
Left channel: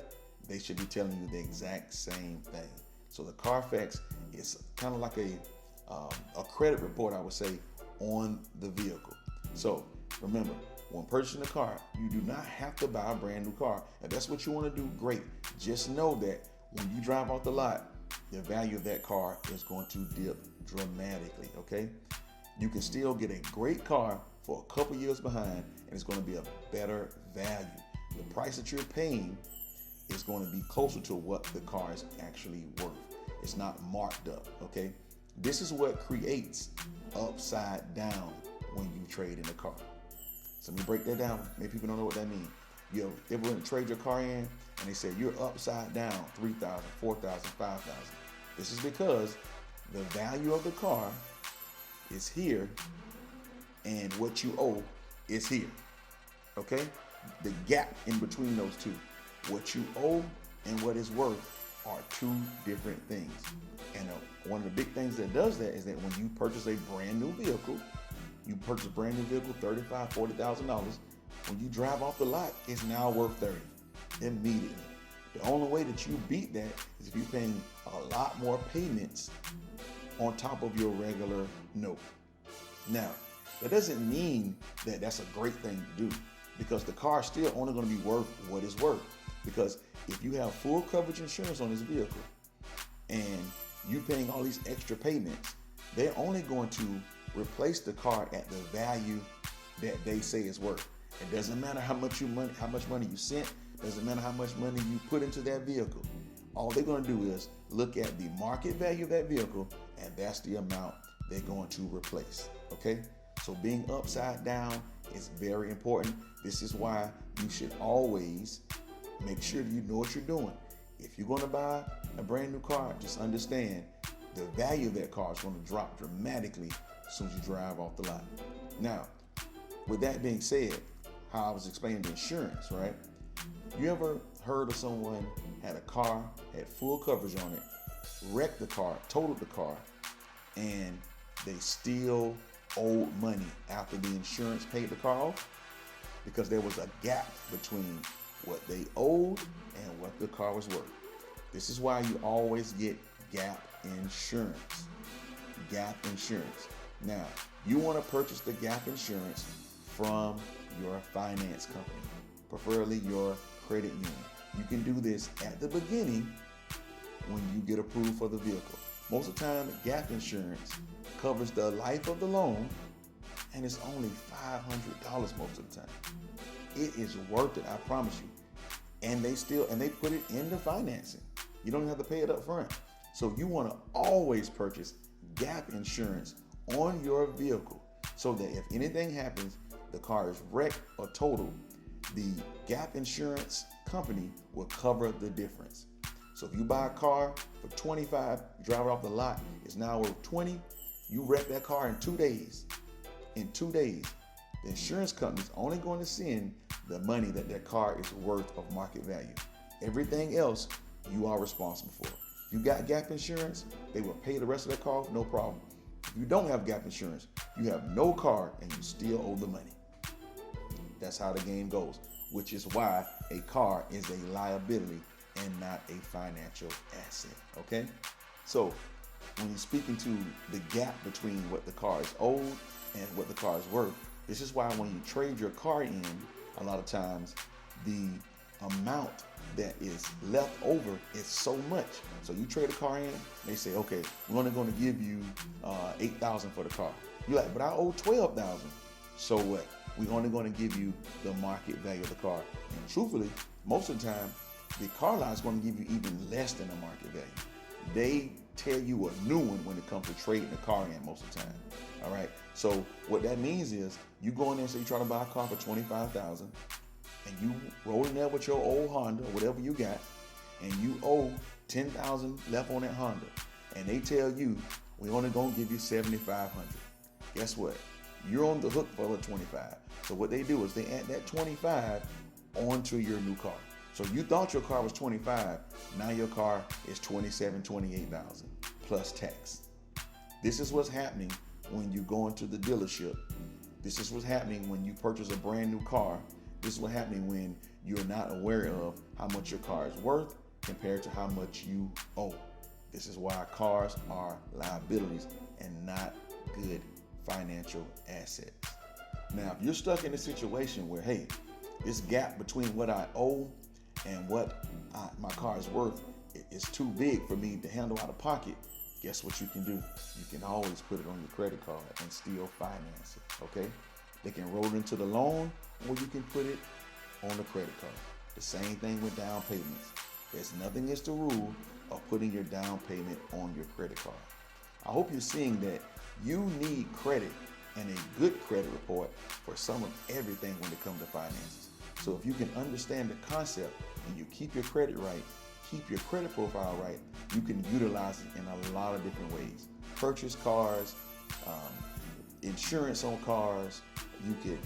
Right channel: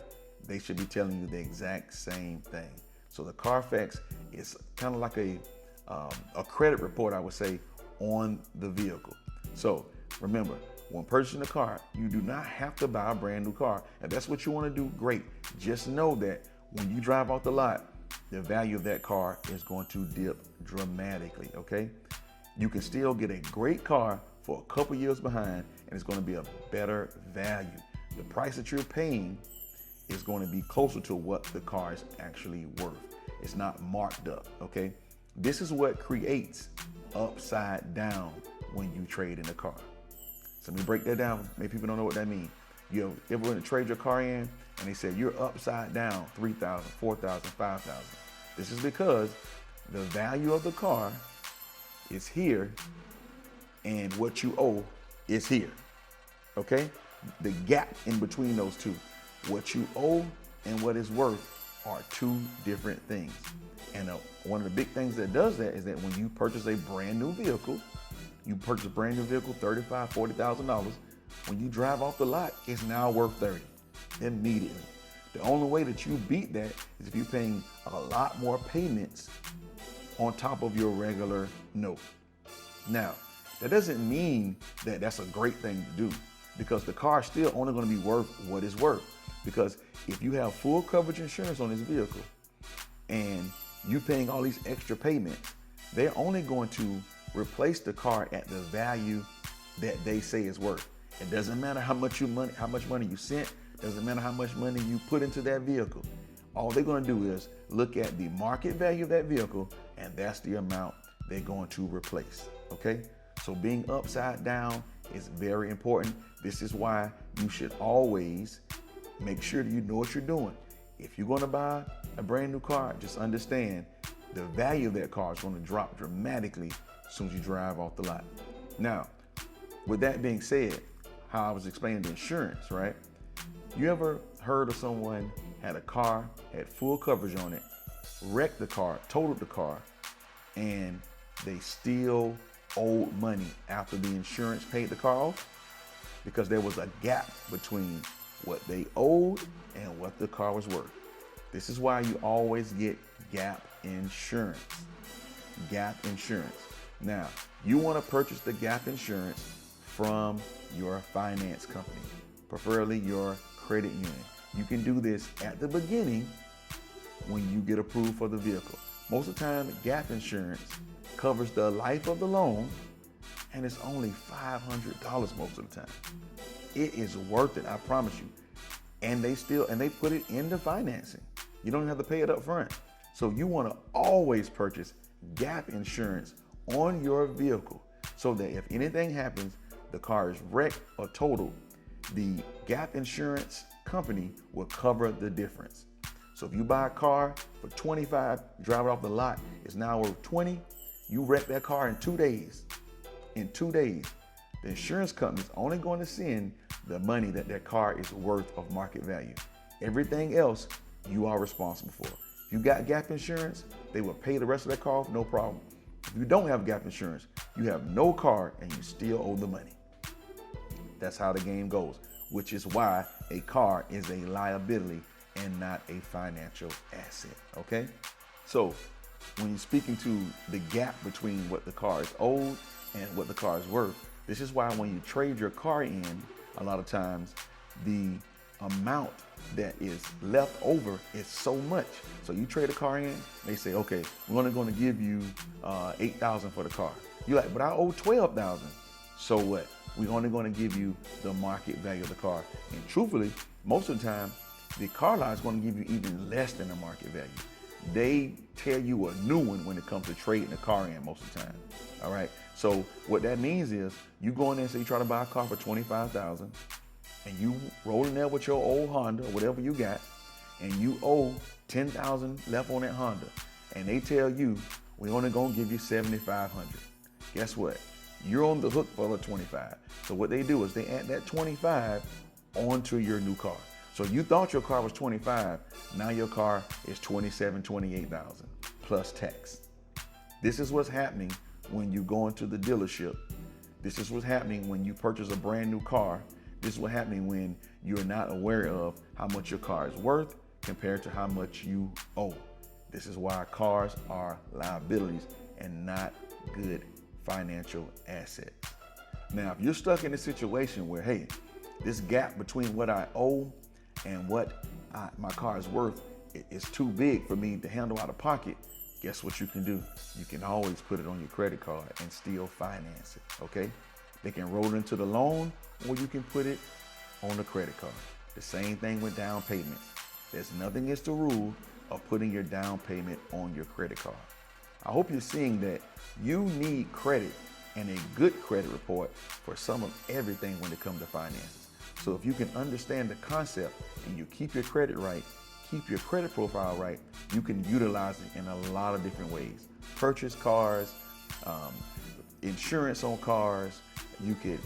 They should be telling you the exact same thing. So the Carfax is kind of like a credit report, I would say, on the vehicle. So remember, when purchasing a car, you do not have to buy a brand new car. If that's what you want to do, great. Just know that when you drive off the lot, the value of that car is going to dip dramatically, okay? You can still get a great car for a couple years behind, and it's going to be a better value. The price that you're paying is going to be closer to what the car is actually worth. It's not marked up, okay? This is what creates upside down when you trade in a car. So let me break that down. Many people don't know what that means. You ever want to trade your car in and they say you're upside down 3,000, 4,000, 5,000. This is because the value of the car is here and what you owe is here. Okay? The gap in between those two, what you owe and what it's worth, are two different things. And one of the big things that does that is that when you purchase a brand new vehicle, you purchase a brand new vehicle, $35,000, $40,000. When you drive off the lot, it's now worth $30,000 immediately. The only way that you beat that is if you're paying a lot more payments on top of your regular note. Now, that doesn't mean that that's a great thing to do, because the car is still only going to be worth what it's worth. Because if you have full coverage insurance on this vehicle and you paying all these extra payments, they're only going to replace the car at the value that they say is worth. It doesn't matter how much money you sent, doesn't matter how much money you put into that vehicle. All they're going to do is look at the market value of that vehicle, and that's the amount they're going to replace. Okay? So being upside down is very important. This is why you should always make sure that you know what you're doing. If you're going to buy a brand new car, just understand the value of that car is going to drop dramatically as soon as you drive off the lot. Now, with that being said, how I was explaining the insurance, right? You ever heard of someone had a car, had full coverage on it, wrecked the car, totaled the car, and they still owed money after the insurance paid the car off? Because there was a gap between what they owed and what the car was worth. This is why you always get gap insurance. Gap insurance. Now, you want to purchase the gap insurance from your finance company, preferably your credit union. You can do this at the beginning when you get approved for the vehicle. Most of the time, gap insurance covers the life of the loan, and it's only $500 most of the time. It is worth it, I promise you. And they put it into financing. You don't have to pay it up front. So you want to always purchase gap insurance on your vehicle so that if anything happens, the car is wrecked or totaled, the gap insurance company will cover the difference. So if you buy a car for 25, you drive it off the lot, it's now worth 20, you wreck that car in 2 days. In 2 days, the insurance company is only going to send the money that car is worth of market value. Everything else, you are responsible for. If you got gap insurance, they will pay the rest of that car off, no problem. If you don't have gap insurance, you have no car and you still owe the money. That's how the game goes, which is why a car is a liability and not a financial asset, okay? So when you're speaking to the gap between what the car is owed and what the car is worth, this is why when you trade your car in, a lot of times the amount that is left over is so much. So you trade a car in, they say, okay, we're only going to give you $8,000 for the car. You're like, but I owe $12,000. So what? We're only going to give you the market value of the car. And truthfully, most of the time, the car lot is going to give you even less than the market value. They tell you a new one when it comes to trading a car in most of the time. All right. So what that means is you go in there and say you try to buy a car for $25,000 and you roll in there with your old Honda or whatever you got, and you owe $10,000 left on that Honda, and they tell you we're only gonna give you $7,500. Guess what? You're on the hook for the $25,000. So what they do is they add that $25,000 onto your new car. So you thought your car was $25,000, now your car is $27,000, $28,000 plus tax. This is what's happening when you go into the dealership. This is what's happening when you purchase a brand new car. This is what's happening when you're not aware of how much your car is worth compared to how much you owe. This is why cars are liabilities and not good financial assets. Now, if you're stuck in a situation where, hey, this gap between what I owe and what my car is worth is too big for me to handle out of pocket, guess what you can do? You can always put it on your credit card and still finance it, okay? They can roll it into the loan, or you can put it on the credit card. The same thing with down payments. There's nothing against the rule of putting your down payment on your credit card. I hope you're seeing that you need credit and a good credit report for some of everything when it comes to finances. So if you can understand the concept and you keep your credit right, keep your credit profile right, you can utilize it in a lot of different ways. Purchase cars, insurance on cars, you could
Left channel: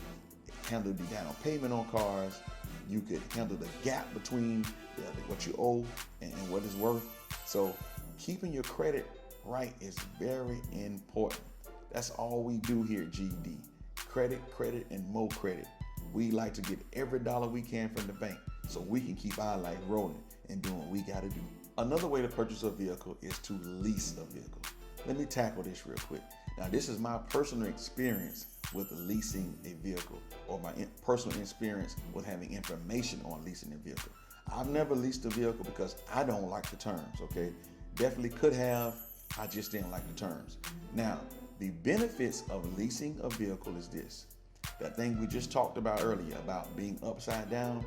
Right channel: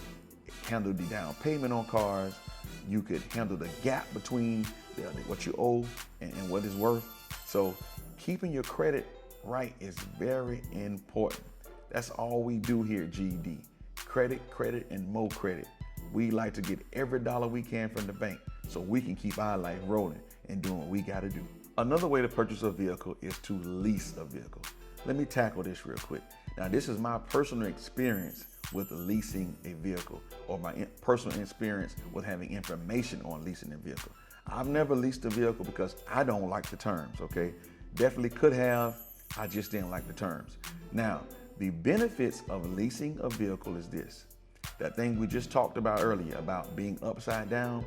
handle the down payment on cars, you could handle the gap between what you owe and what it's worth. So keeping your credit right is very important. That's all we do here at GED. Credit, credit, and more credit. We like to get every dollar we can from the bank so we can keep our life rolling and doing what we got to do. Another way to purchase a vehicle is to lease a vehicle. Let me tackle this real quick. Now, this is my personal experience with leasing a vehicle, or my personal experience with having information on leasing a vehicle. I've never leased a vehicle because I don't like the terms, okay? Definitely could have, I just didn't like the terms. Now, the benefits of leasing a vehicle is this. That thing we just talked about earlier about being upside down,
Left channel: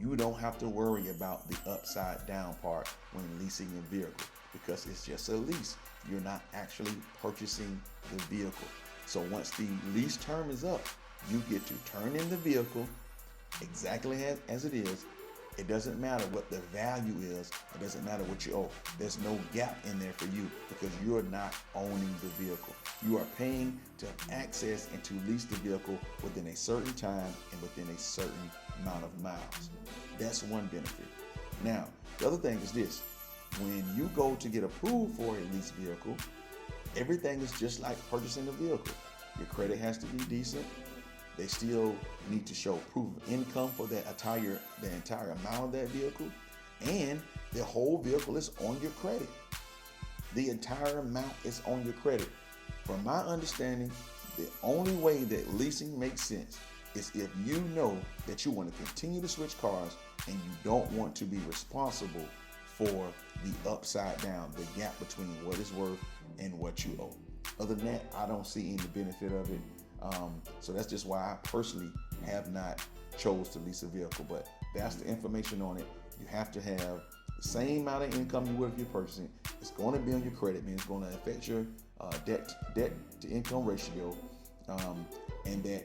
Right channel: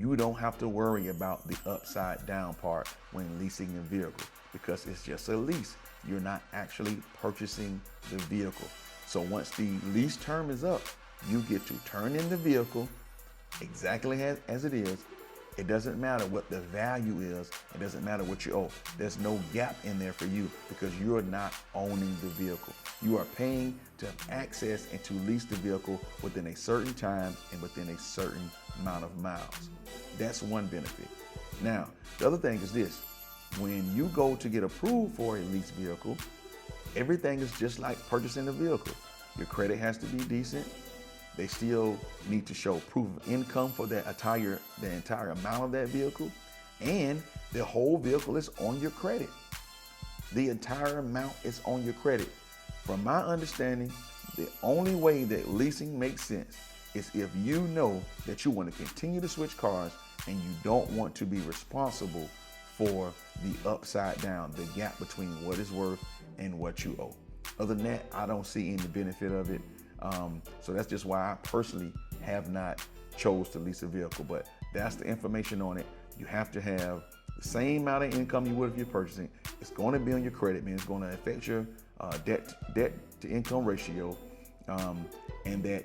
you don't have to worry about the upside down part when leasing a vehicle because it's just a lease. You're not actually purchasing the vehicle. So once the lease term is up, you get to turn in the vehicle exactly as it is. It doesn't matter what the value is. It doesn't matter what you owe. There's no gap in there for you because you're not owning the vehicle. You are paying to have access and to lease the vehicle within a certain time and within a certain amount of miles. That's one benefit. Now, the other thing is this. When you go to get approved for a leased vehicle, everything is just like purchasing a vehicle. Your credit has to be decent. They still need to show proof of income for the entire amount of that vehicle. And the whole vehicle is on your credit. The entire amount is on your credit. From my understanding, the only way that leasing makes sense is if you know that you want to continue to switch cars and you don't want to be responsible for the upside down, the gap between what is worth and what you owe. Other than that, I don't see any benefit of it. So that's just why I personally have not chose to lease a vehicle, but that's the information on it. You have to have the same amount of income you would if you're purchasing. It's going to be on your credit, man. It's going to affect your debt to income ratio, and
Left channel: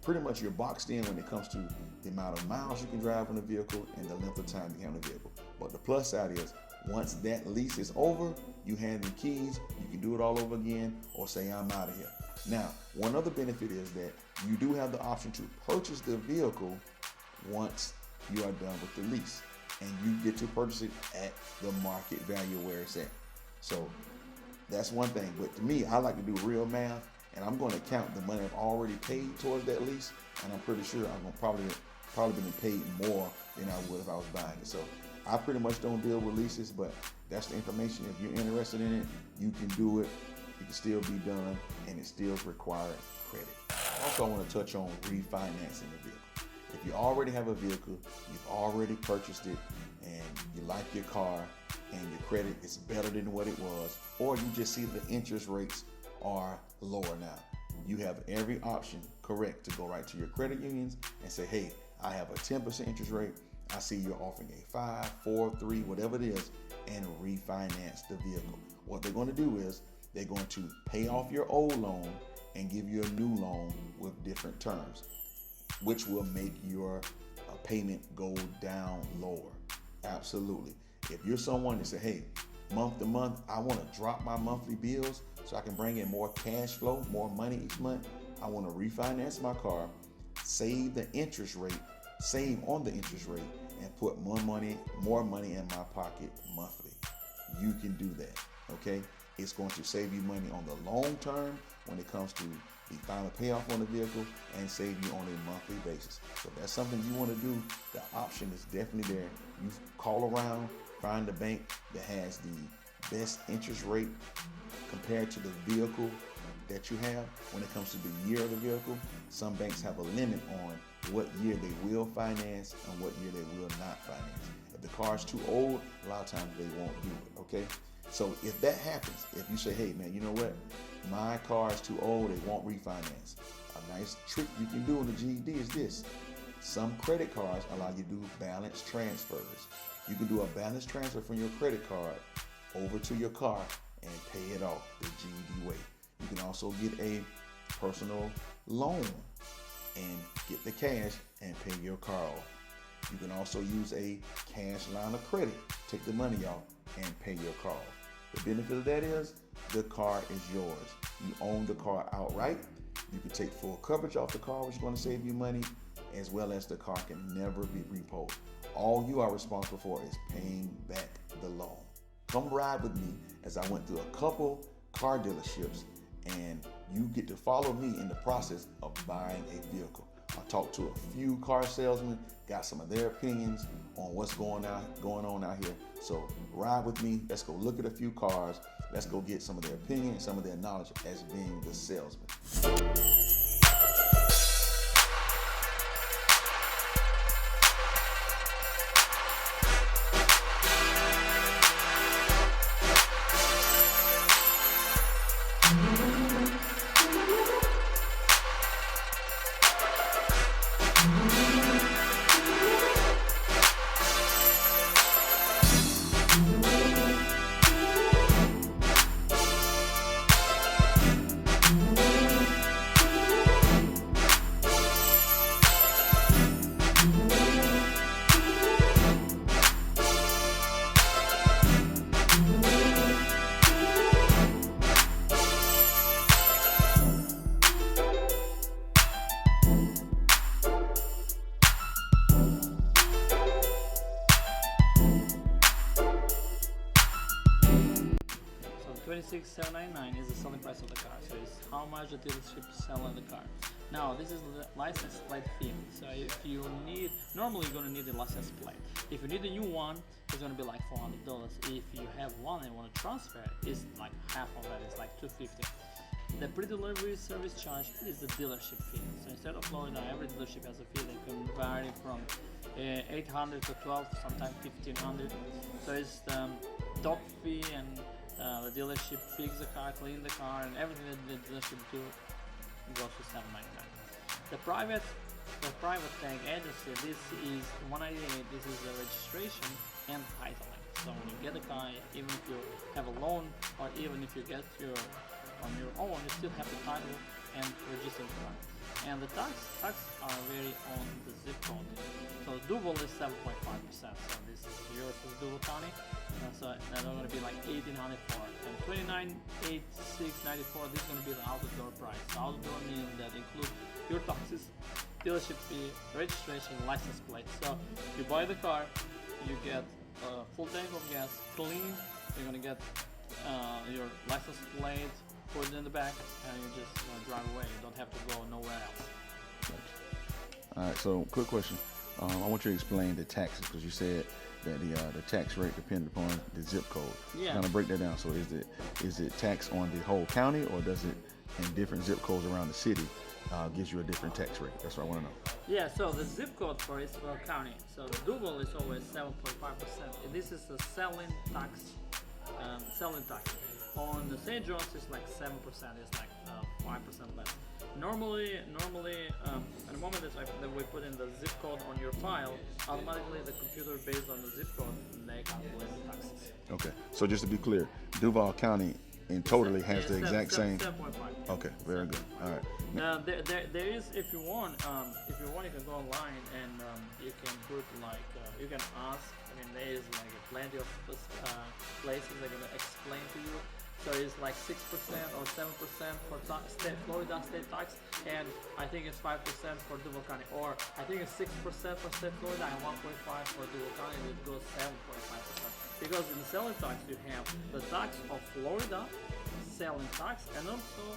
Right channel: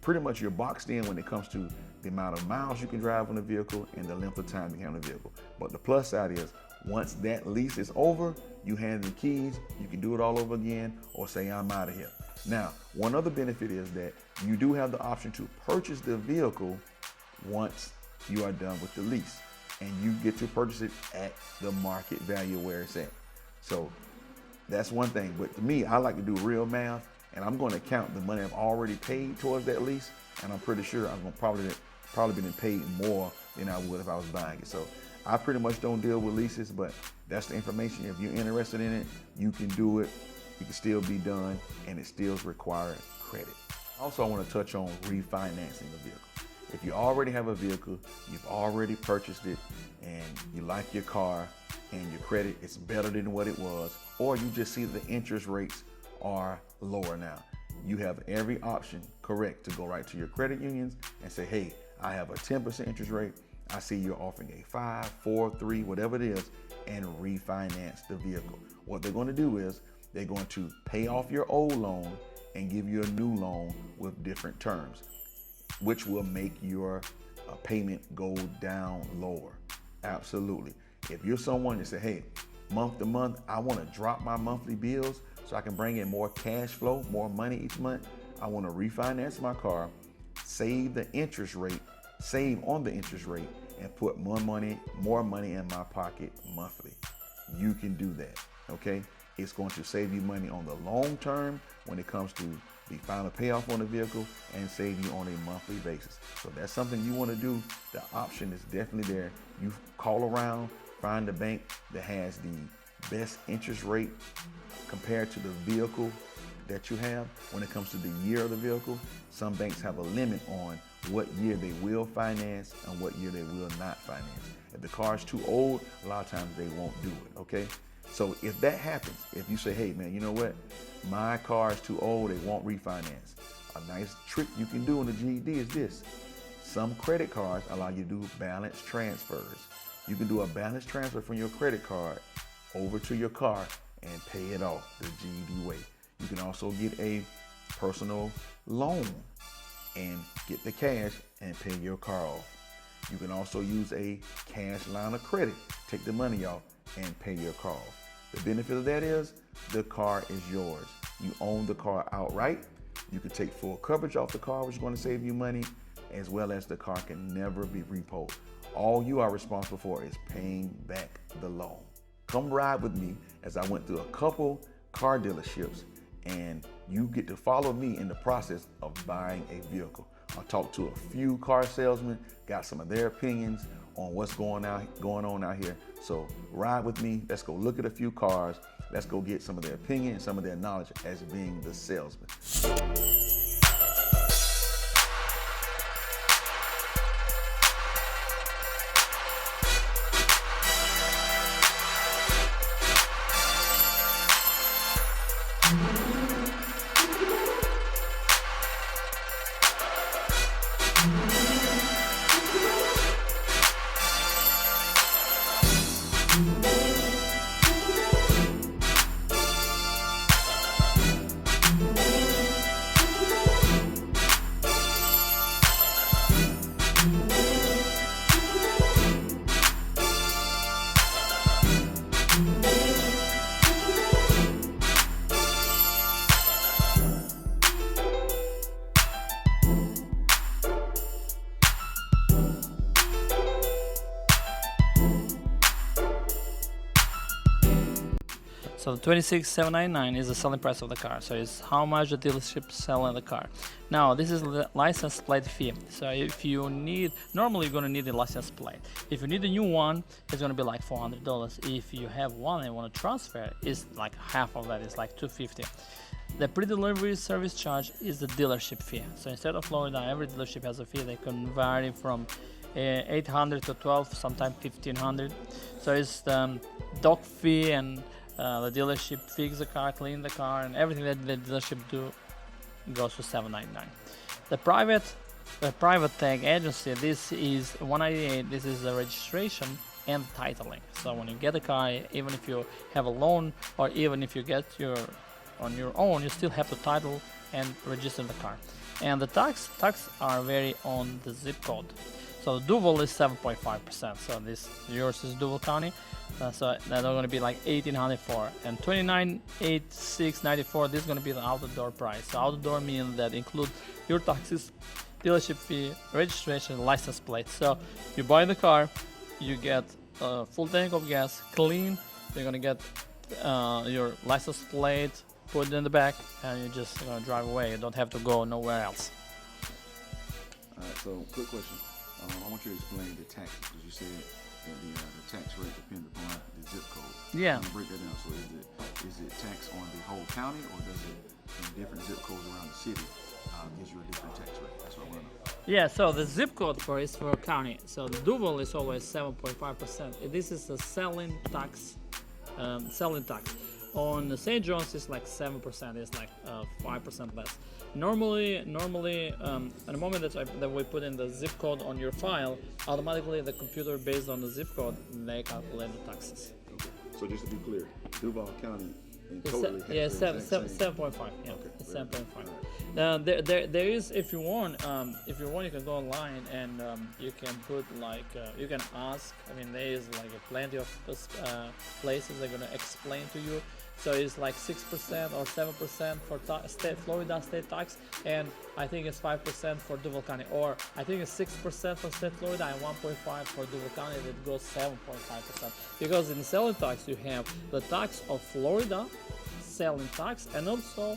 pretty much you're boxed in when it comes to the amount of miles you can drive on the vehicle and the length of time you have on the vehicle. But the plus side is Once that lease is over, you hand the keys, you can do it all over again or say, I'm out of here. Now, one other benefit is that you do have the option to purchase the vehicle once you are done with the lease, and you get to purchase it at the market value where it's at. So that's one thing. But to me, I like to do real math, and I'm going to count the money I've already paid towards that lease, and I'm pretty sure I'm probably been paid more than I would if I was buying it. So I pretty much don't deal with leases, but that's the information. If you're interested in it, you can do it. It can still be done, and it still requires credit. Also, I want to touch on refinancing a vehicle. If you already have a vehicle, you've already purchased it, and you like your car, and your credit is better than what it was, or you just see the interest rates are lower now, you have every option, correct, to go right to your credit unions and say, hey, I have a 10% interest rate. I see you're offering a 5, 4, 3, whatever it is, and refinance the vehicle. What they're going to do is they're going to pay off your old loan and give you a new loan with different terms, which will make your payment go down lower. Absolutely. If you're someone that say, hey, month to month, I want to drop my monthly bills so I can bring in more cash flow, more money each month, I want to refinance my car, save on the interest rate, and put more money in my pocket monthly. You can do that, okay? It's going to save you money on the long term when it comes to the final payoff on the vehicle, and save you on a monthly basis. So that's something you want to do. The option is definitely there. You call around, find a bank that has the best interest rate compared to the vehicle that you have. When it comes to the year of the vehicle, some banks have a limit on what year they will finance and what year they will not finance. If the car is too old, a lot of times they won't do it, okay? So if that happens, if you say, hey man, you know what? My car is too old, they won't refinance. A nice trick you can do in the GED is this. Some credit cards allow you to do balance transfers. You can do a balance transfer from your credit card over to your car and pay it off the GED way. You can also get a personal loan and get the cash and pay your car off. You can also use a cash line of credit, take the money off and pay your car off. The benefit of that is the car is yours. You own the car outright. You can take full coverage off the car, which is going to save you money, as well as the car can never be repoed. All you are responsible for is paying back the loan. Come ride with me as I went through a couple car dealerships, and you get to follow me in the process of buying a vehicle. I talked to a few car salesmen, got some of their opinions on what's going on out here. So ride with me. Let's go look at a few cars. Let's go get some of their opinion and some of their knowledge as being the salesman. So the 26,799 is the selling price of the car. So it's how much the dealership is selling the car. Now this is the license plate fee. So if you need, normally you're gonna need a license plate. If you need a new one, it's gonna be like $400. If you have one and want to transfer, it's like half of that. It's like $250. The pre-delivery service charge is the dealership fee. So instead of Florida, every dealership has a fee. They can vary from 800 to 12, sometimes 1500. So it's the dock fee and the dealership fix the car, clean the car, and everything that the dealership do goes to $799. The private tag agency, this is $198. This is the registration and titling. So when you get a car, even if you have a loan or even if you get on your own, you still have to title and register the car. And the tax are vary on the zip code. So Duval is 7.5%. So yours is Duval County. So that's going to be like 1804 and 2986.94. This is going to be the out the door price. So out the door means that include your taxes, dealership fee, registration, license plate. So you buy the car, you get a full tank of gas, clean. You're gonna get your license plate, put it in the back, and you're just gonna drive away. You don't have to go nowhere else. All right. So, quick question. I want you to explain the taxes because you said that the tax rate depends upon the zip code. Yeah. I'm gonna break that down. So, is it tax on the whole county, or does it in different zip codes around the city gives you a different tax rate? That's what I want to know. Yeah, so the zip code for Eastboro County. So the Duval is always 7.5%. This is the selling tax. Selling tax. On the St. John's is like 7%. It's like 5% less. Normally, at the moment that we put in the zip code on your file, automatically the computer, based on the zip code, they calculate the taxes. Okay. So just to be clear, Duval County in totally has the exact same. 7.5. Yeah, Okay. Very good. 7.5. All right. There is, if you want, you can go online and you can put like you can ask. I mean, there is like plenty of places they're gonna explain to you. So it's like 6% or 7% for Florida state tax, and I think it's 5% for Duval County, or I think it's 6% for state Florida and 1.5 for Duval County. It goes 7.5%, because in the selling tax you have the tax of Florida selling tax and also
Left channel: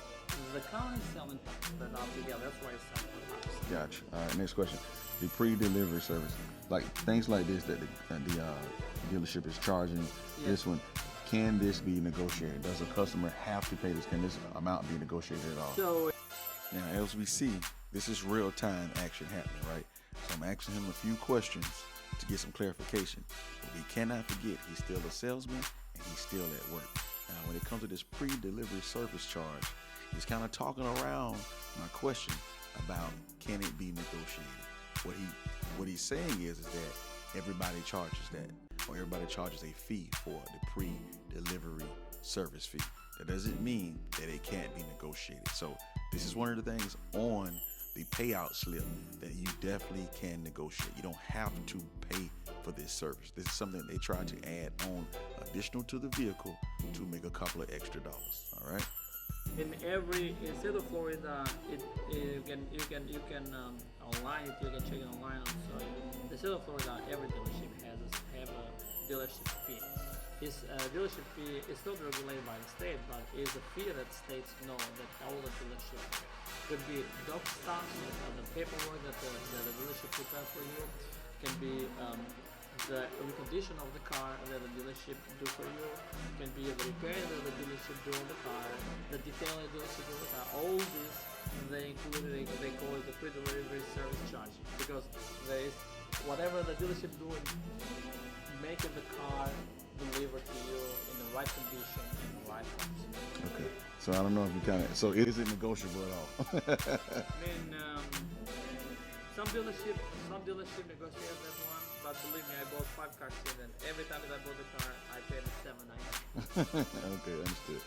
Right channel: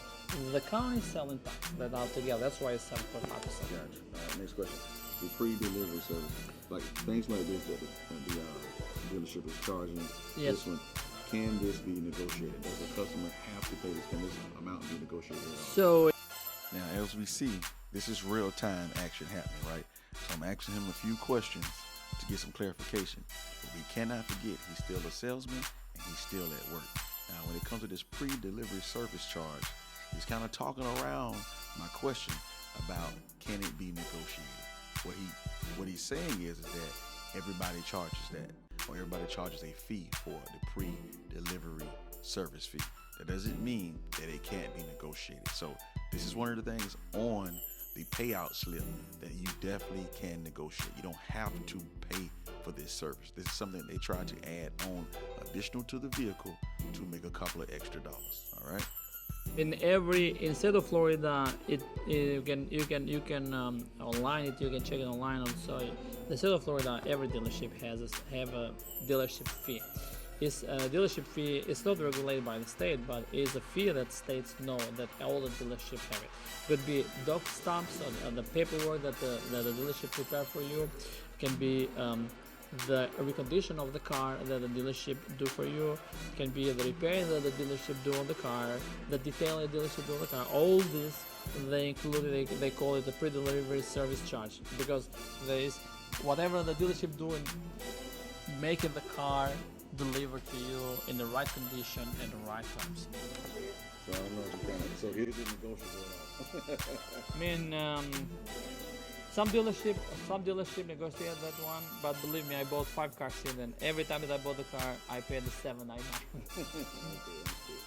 the county selling tax that all together. That's why it's 7.5%. Gotcha. All right. Next question. The pre-delivery service, like things like this that the dealership is charging. Yes. This one. Can this be negotiated? Does a customer have to pay this? Can this amount be negotiated at all? So Now, as we see, this is real-time action happening, right? So I'm asking him a few questions to get some clarification. But we cannot forget, he's still a salesman and he's still at work. Now, when it comes to this pre-delivery service charge, he's kind of talking around my question about can it be negotiated? What he's saying is that everybody charges that, or everybody charges a fee for the pre-delivery service fee. That doesn't mean that it can't be negotiated. So this is one of the things on the payout slip that you definitely can negotiate. You don't have to pay for this service. This is something they try to add on additional to the vehicle to make a couple of extra dollars. All right. in state of Florida, you can online it. You can check it online. Also, the state of Florida, every dealership have a dealership fee. It's a dealership fee. It's not regulated by the state, but it's a fee that states know that all the dealership have it. Could be doc stamps or the paperwork that the dealership prepare for you. Can be the recondition of the car that the dealership do for you. Can be the repairs that the dealership do on the car, the detail the dealership do on the car. All this they include. They call it the pre-delivery service charge, because there is whatever the dealership do in making the car delivered to you in the right condition and the right terms. Okay. So I don't know if you got it. So is it negotiable at all? I mean, some dealership negotiate that one, but believe me, I bought 5 cars in, and every time that I bought the car, I paid the $7.99. Okay, understood.